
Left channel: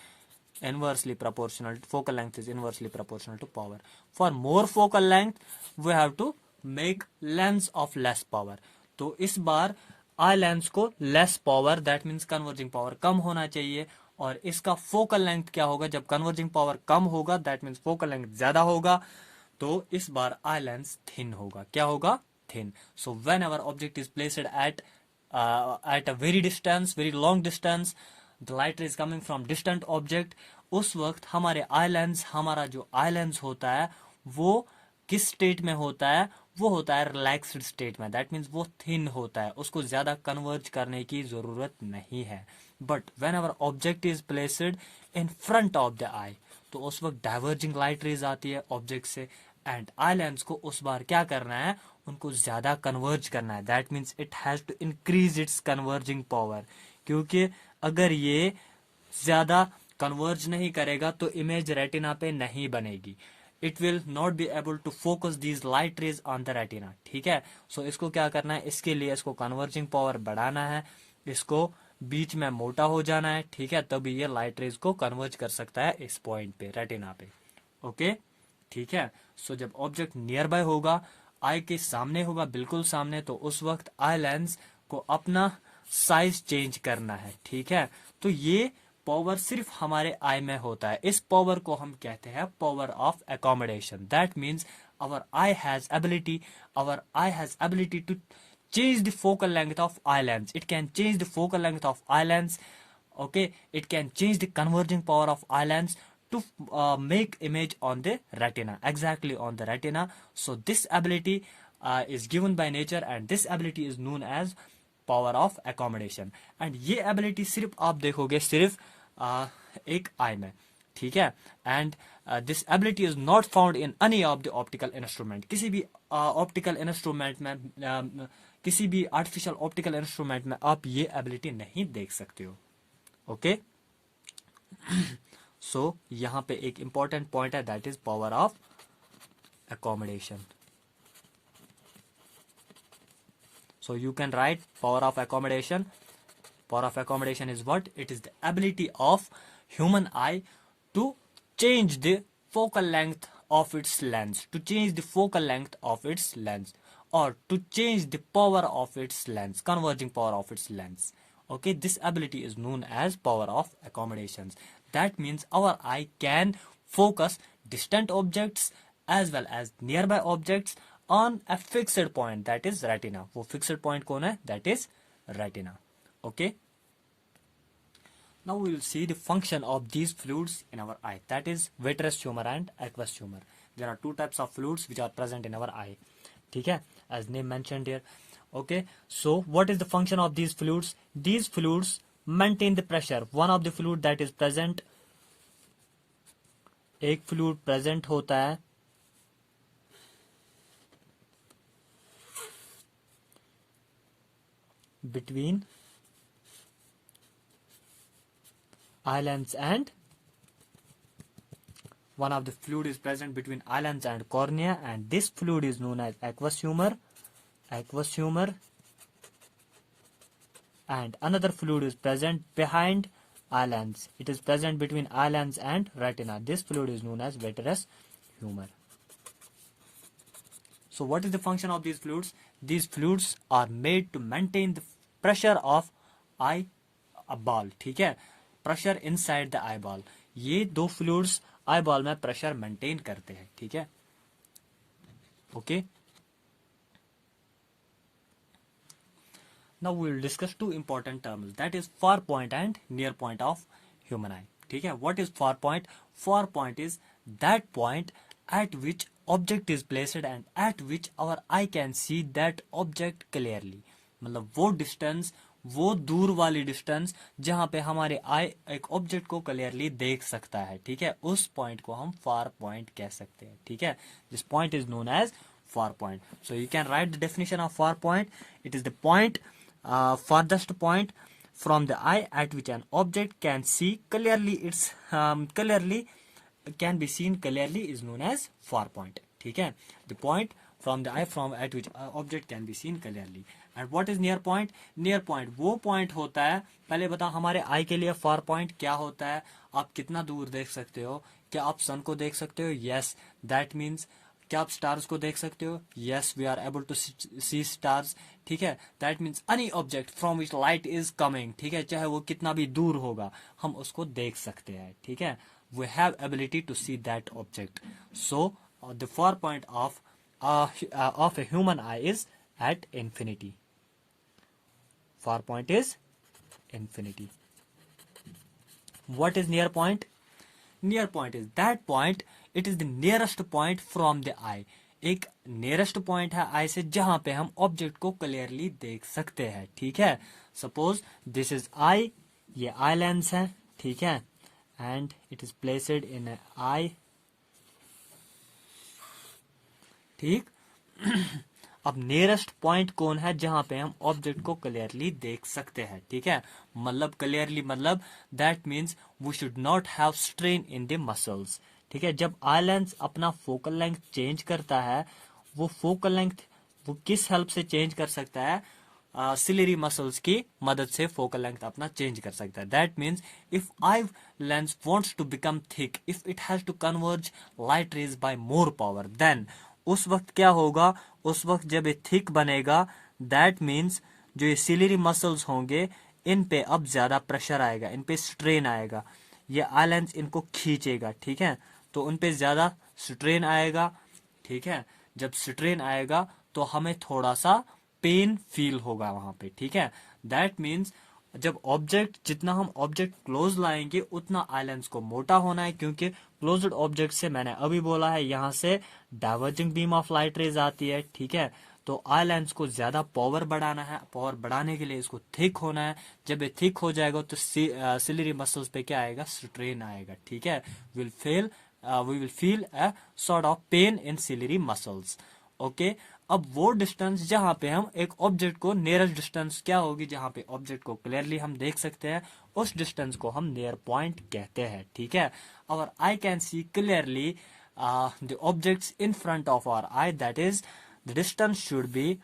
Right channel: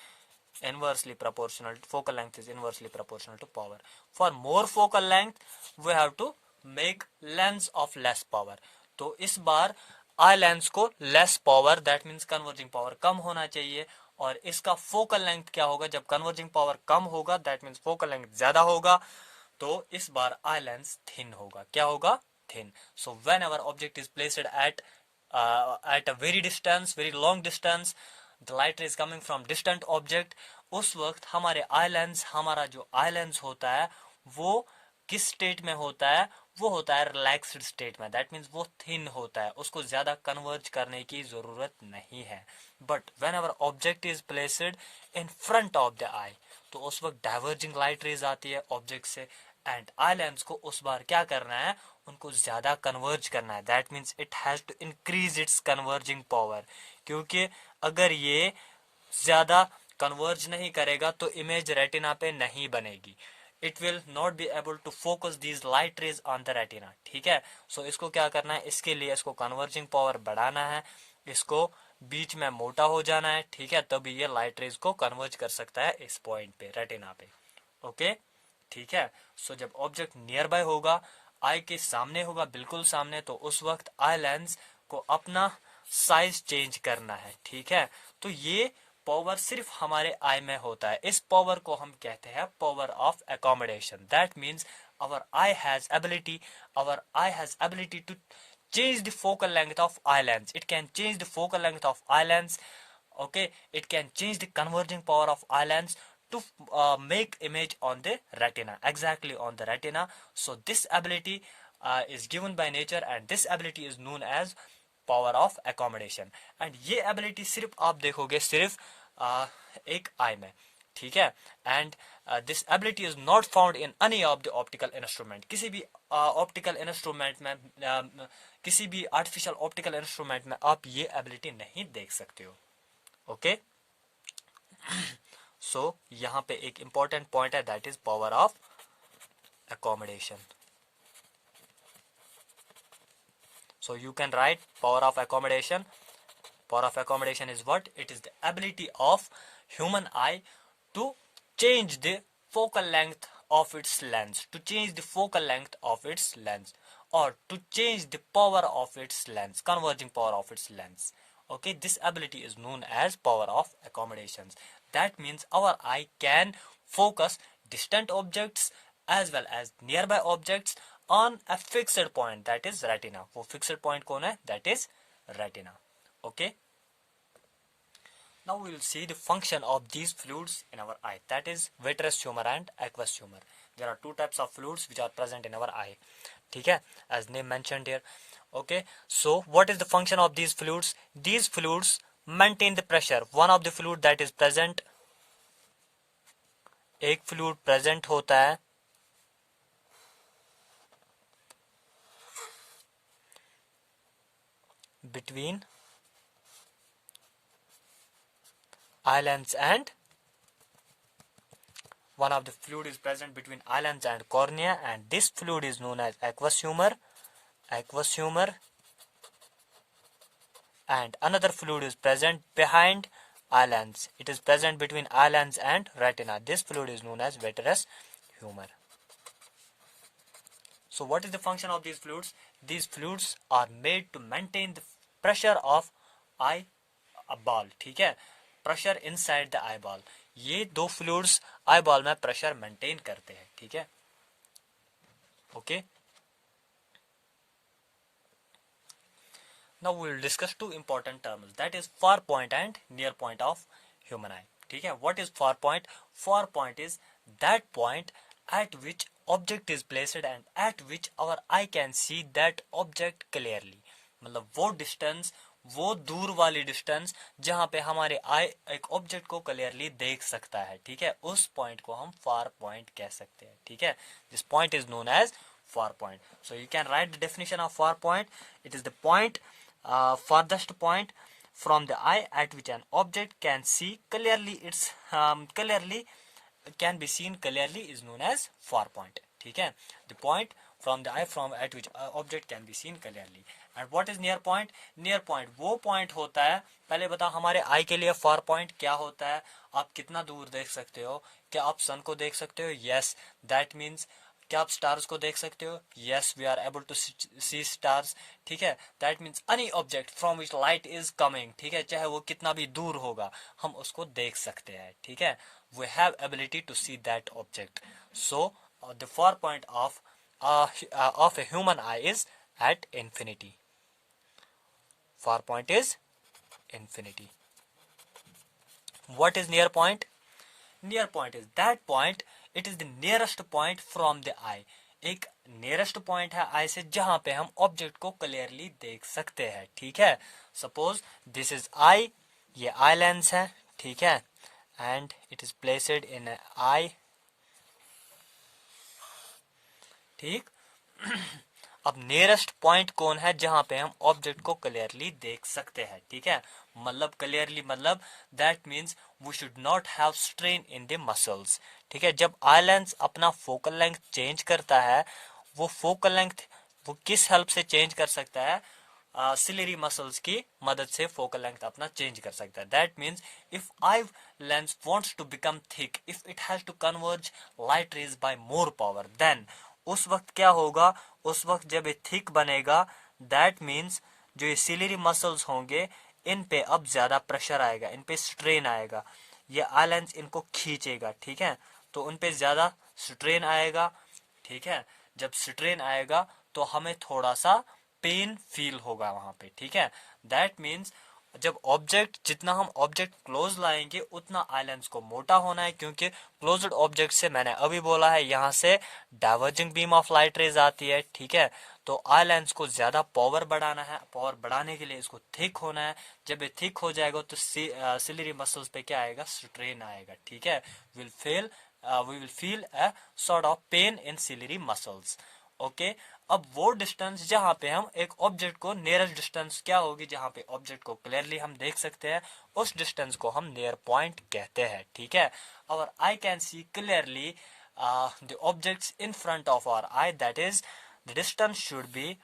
inversely proportional, focal length is inversely proportional to power. For more focal length we have to make lens of less power. तो इस बार eye lens को less power, that means converging power कम होना चाहिए, और इसका focal length क्या होगा, जब कन्वर्जिंग पावर कम होगा दैट मीन्स फोकल लेंथ ज्यादा होगा, तो इस बार आई लेंस थिन होगा. क्या होगा, thin. So when ever object is placed at a very distance, very long distance, the light is coming from distant object, उस वक्त हमारे आई लेंस, हमारा जो आई लेंस होता है वो किस स्टेट में होता है, वो होता है रिलैक्स्ड स्टेट में. दैट मीन्स वो थिन होता है, उसको ज्यादा कन्वर्ज करने की जरूरत नहीं है. But whenever object is placed in front of the eye, तो उस वक्त डाइवर्जिंग लाइट रेज आती है ऑब्जेक्ट से, एंड आई लेंस को उस बार क्या करना है, उनको ज्यादा कन्वर्ज करना है. That means it has to increase its converging power, क्योंकि अगर ये ज्यादा कन्वर्ज नहीं करेगा तो इमेज रेटिना पे नहीं बनेगी. It will not be able to focus these light rays on the retina. ठीक है, सो इसको क्या करना है, इसके लिए इसको कन्वर्जिंग पावर बढ़ाना है, इसको बीच में मोटा हो जाना है. ठीक है, तभी ये लाइट रेज को कन्वर्ज कर सकता है इस पॉइंट पे, रेटिना पे. ओके, ठीक है. सो जब ऑब्जेक्ट नियर बाय होगा, आई के सामने होगा, बिल्कुल सामने, तो उस वक्त आई लेंस को अपना साइज चेंज करना है. ठीक है, तो ये पावर सिर्फ हमारे आई में होता है. इस पावर को हम कहते हैं power of accommodation. That means our eye has ability to change the focal length of eye lens. It can change the focal length of eye lens. Okay, it can change the converging power of eye lens to make image on the retina, exactly on the retina. So this ability is given by nature, and this ability is known as power of accommodation. And ये ability सिर्फ आप देखोगे सिर्फ एक आई में. ठीक है, and this ability is not found in any of the optical instrument. किसी भी ऑप्टिकल इंस्ट्रूमेंट में, किसी भी आर्टिफिशियल ऑप्टिकल इंस्ट्रूमेंट में आप ये एबिलिटी नहीं देख सकते हो. ओके, सो यहां पे एक इंपॉर्टेंट पॉइंट है, that is power of accommodation. So you can write power of accommodation. Power of accommodation is what? It is the ability of human eye to change the focal length of its lens, to change the focal length of its lens, or to change the power of its lens, converging power of its lens. Okay, this ability is known as power of accommodations. That means our eye can focus distant objects as well as nearby objects on a fixed point, that is retina. वो fixed point कौन है? That is retina. Okay. Now we will see the function of these fluids in our eye, that is vitreous humor and aqueous humor. There are two types of fluids which are present in our eye. ठीक है, as name mentioned here. Okay, so what is the function of these fluids? These fluids maintain the pressure. One of the fluid that is present, एक fluid present होता है between eye lens and, one of the fluid is present between eye lens and cornea, and this fluid is known as aqueous humor. Aqueous humor. And another fluid is present behind eye lens. It is present between eye lens and retina. This fluid is known as vitreous humor. So what is the function of these fluids? These fluids are made to maintain the pressure of eyeball. ठीक है, pressure inside the eyeball. ये दो fluids eyeball में pressure maintain करते हैं. ठीक है, okay. Now we will discuss two important terms, that is far point and near point of human eye. ठीक है, what is far point? Far point is that point at which object is placed and at which our eye can see that object clearly. मतलब वो distance, वो दूर वाली distance जहां पे हमारे आई एक ऑब्जेक्ट को क्लियरली देख सकता है. ठीक है, उस पॉइंट को हम फार पॉइंट कह सकते हैं. ठीक है, this point is known as far point. So you can write the definition of far point. It is the point, farthest point from the eye at which an object can see clearly, its can be seen clearly is known as far point. ठीक है, the point from the eye from at which object can be seen clearly. And what is near point? Near point वो point होता है, पहले बताओ हमारे आई के लिए far point क्या होता है. आप कितना दूर देख सकते हो? क्या आप सन को देख सकते हो? यस, दैट मीन्स क्या आप स्टार्स को देख सकते हो? Yes, we are able to see stars. ठीक है, that means any object from which light is coming, ठीक है, चाहे वो कितना भी दूर होगा, हम उसको देख सकते हैं। ठीक है, we have ability to see that object. So the far point of a human eye is at infinity. Far point is infinity. What is near point? Near point is that point, it is the nearest point from the eye. एक nearest point है आई से जहां पे हम object को clearly देख सकते हैं। ठीक है, सपोज दिस इज आई, ये आई लेंस है। ठीक है, and it is placed in eye. ठीक अब नियरेस्ट पॉइंट कौन है जहां पे हम ऑब्जेक्ट को क्लियरली देख सकते हैं? ठीक है, मतलब क्लियरली मतलब that means we should not have strain in the muscles. ठीक है, जब आई लेंस अपना फोकल लेंथ चेंज करता है, वो फोकल लेंथ वो किस हेल्प से चेंज कर सकता है? सिलरी मसल्स की मदद से फोकल लेंथ अपना चेंज कर सकता है। That means if eye lens wants to become thick, if it has to converge light rays by more power, then उस वक्त क्या होगा? उस वक्त जब ये थिक बनेगा, दैट मीन्स जो ये सिलरी मसल्स होंगे, इन पे अब ज्यादा प्रेशर आएगा, इन पे स्ट्रेन आएगा, ये आई लेंस इनको खींचेगा। ठीक है, तो उन पे ज्यादा स्ट्रेन आएगा। ठीक है, जब स्ट्रेन आएगा तो हमें थोड़ा सा पेन फील होगा वहां पे। ठीक है, दैट मीन्स जब ऑब्जेक्ट जितना हम ऑब्जेक्ट क्लोज लाएंगे उतना आई लेंस को मोटा होना है, क्योंकि क्लोज्ड ऑब्जेक्ट से मैंने अभी बोला है यहाँ से diverging beam of light rays आती है। ठीक है, तो आई लेंस को ज्यादा पावर बढ़ाना है, पावर बढ़ाने के लिए इसको थिक होना है। जब ये थिक हो जाएगा तो सिलरी मसल्स पे क्या आएगा? स्ट्रेन आएगा। ठीक है, will feel we will feel a sort of pain in ciliary muscles. Okay, अब वो डिस्टेंस जहां पे हम एक ऑब्जेक्ट को, नियरेस्ट डिस्टेंस क्या होगी जहां पे ऑब्जेक्ट को क्लियरली हम देख सकते हैं, उस डिस्टेंस को हम नियर पॉइंट कहते हैं। ठीक है, और I can see clearly the objects in front of our eye, that is the distance should be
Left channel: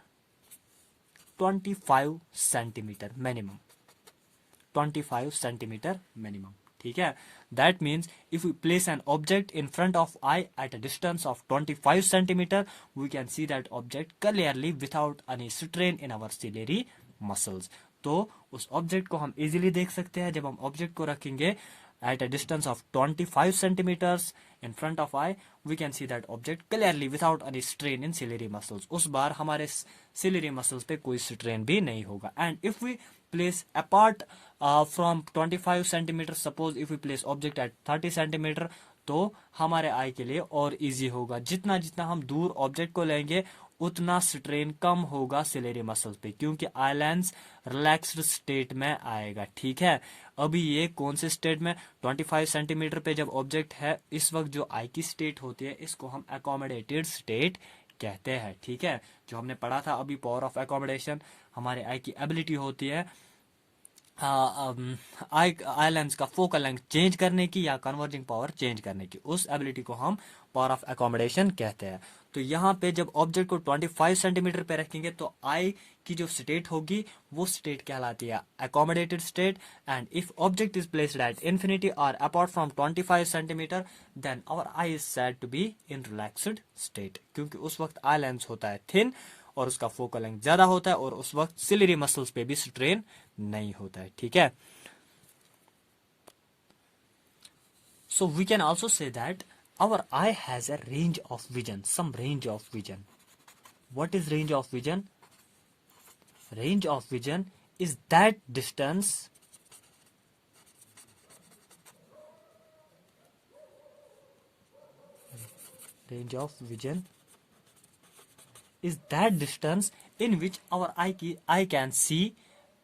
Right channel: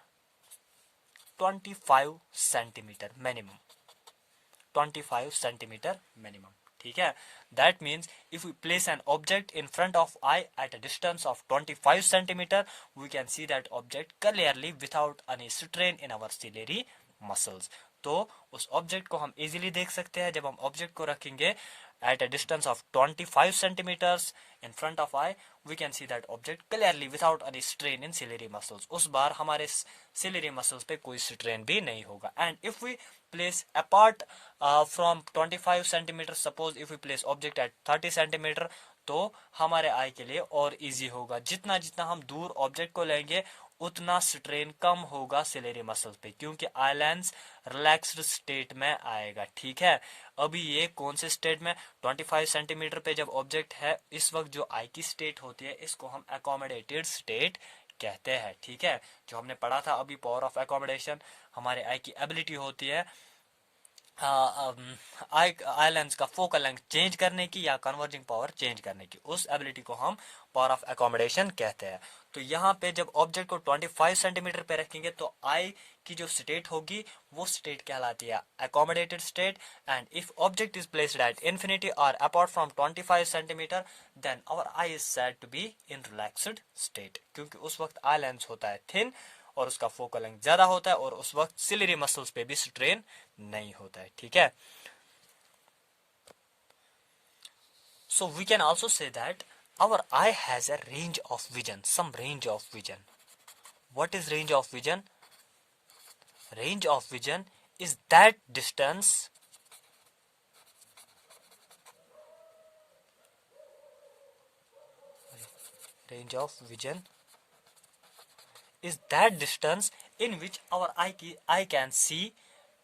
25 centimetre minimum. 25 centimetre minimum. ठीक है, that means if we place an object in front of eye at a distance of 25 centimetre, we can see that object clearly without any strain in our ciliary muscles. तो उस object को हम easily देख सकते हैं जब हम object को रखेंगे at a distance of 25 centimeters in front of eye, we can see that object clearly without any strain in ciliary muscles. उस बार हमारे ciliary muscles पे कोई strain भी नहीं होगा। And if we place apart from 25 centimeters, suppose if we place object at 30 centimeter, तो हमारे आई के लिए और इजी होगा। जितना जितना हम दूर ऑब्जेक्ट को लेंगे उतना स्ट्रेन कम होगा सिलेरी मसल्स पे, क्योंकि आई लेंस रिलैक्स्ड स्टेट में आएगा। ठीक है, अभी ये कौन से स्टेट में? 25 सेंटीमीटर पे जब ऑब्जेक्ट है, इस वक्त जो आई की स्टेट होती है इसको हम अकोमोडेटेड स्टेट कहते हैं। ठीक है, जो हमने पढ़ा था अभी पावर ऑफ अकोमोडेशन, हमारे आई की एबिलिटी होती है आई लेंस का फोकल लेंथ चेंज करने की या कन्वर्जिंग पावर चेंज करने की, उस एबिलिटी को हम पावर ऑफ अकोमोडेशन कहते हैं। तो यहाँ पे जब ऑब्जेक्ट को 25 सेंटीमीटर पे रखेंगे तो आई की जो स्टेट होगी वो स्टेट कहलाती है accommodated state. And if object is placed at infinity और apart from 25 centimetre, then our eye is said to be in relaxed state, क्योंकि उस वक्त आई लेंस होता है थिन और उसका फोकल लेंथ ज्यादा होता है और उस वक्त सिलरी मसल्स पे भी स्ट्रेन नहीं होता है। ठीक है, so we can also say that our eye has a range of vision, some range of vision. What is range of vision? Range of vision is that distance range of vision is that distance in which our eye can see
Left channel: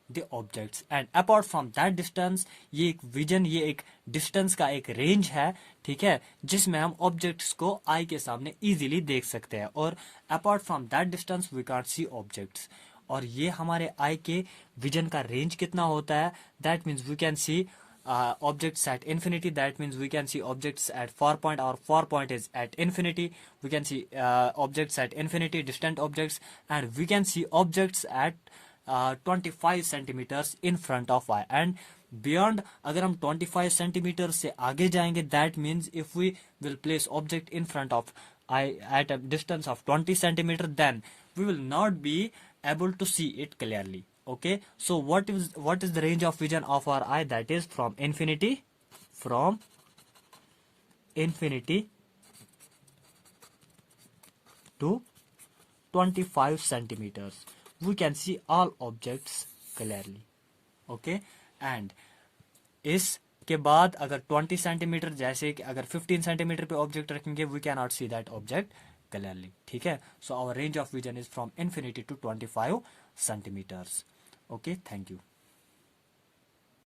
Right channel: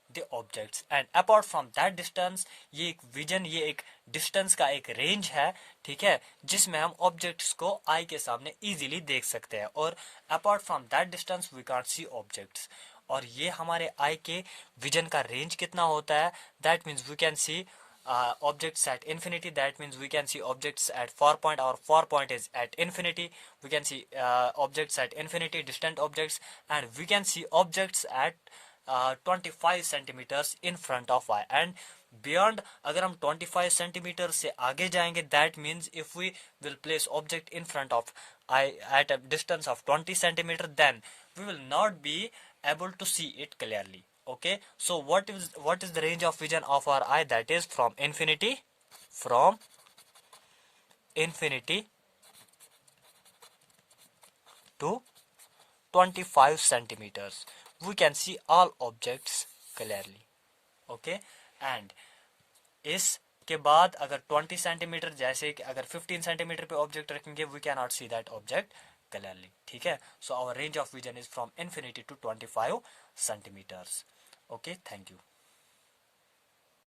the objects, and apart from that distance, ये एक vision, ये एक distance का एक range है। ठीक है, जिसमें हम ऑब्जेक्ट्स को आई के सामने इजीली देख सकते हैं, और apart from that distance we can't see objects. और ये हमारे आई के विजन का रेंज कितना होता है? That means we can see objects at infinity, that means we can see objects at far point, our far point is at infinity. We can see objects at infinity, distant objects, and we can see objects at 25 centimeters in front of eye. And beyond अगर हम 25 centimetre से आगे जाएंगे, that means if we will place object in front of eye at a distance of 20 centimetre, then we will not be able to see it clearly. Okay, so what is the range of vision of our eye? That is from infinity to 25 centimeters. We can see all objects clearly. Okay, and इसके बाद अगर 20 centimetre, जैसे कि अगर 15 centimetre पे object रखेंगे, we can not see that object clearly. ठीक है, so our range of vision is from infinity to 25 centimetres. Okay, thank you.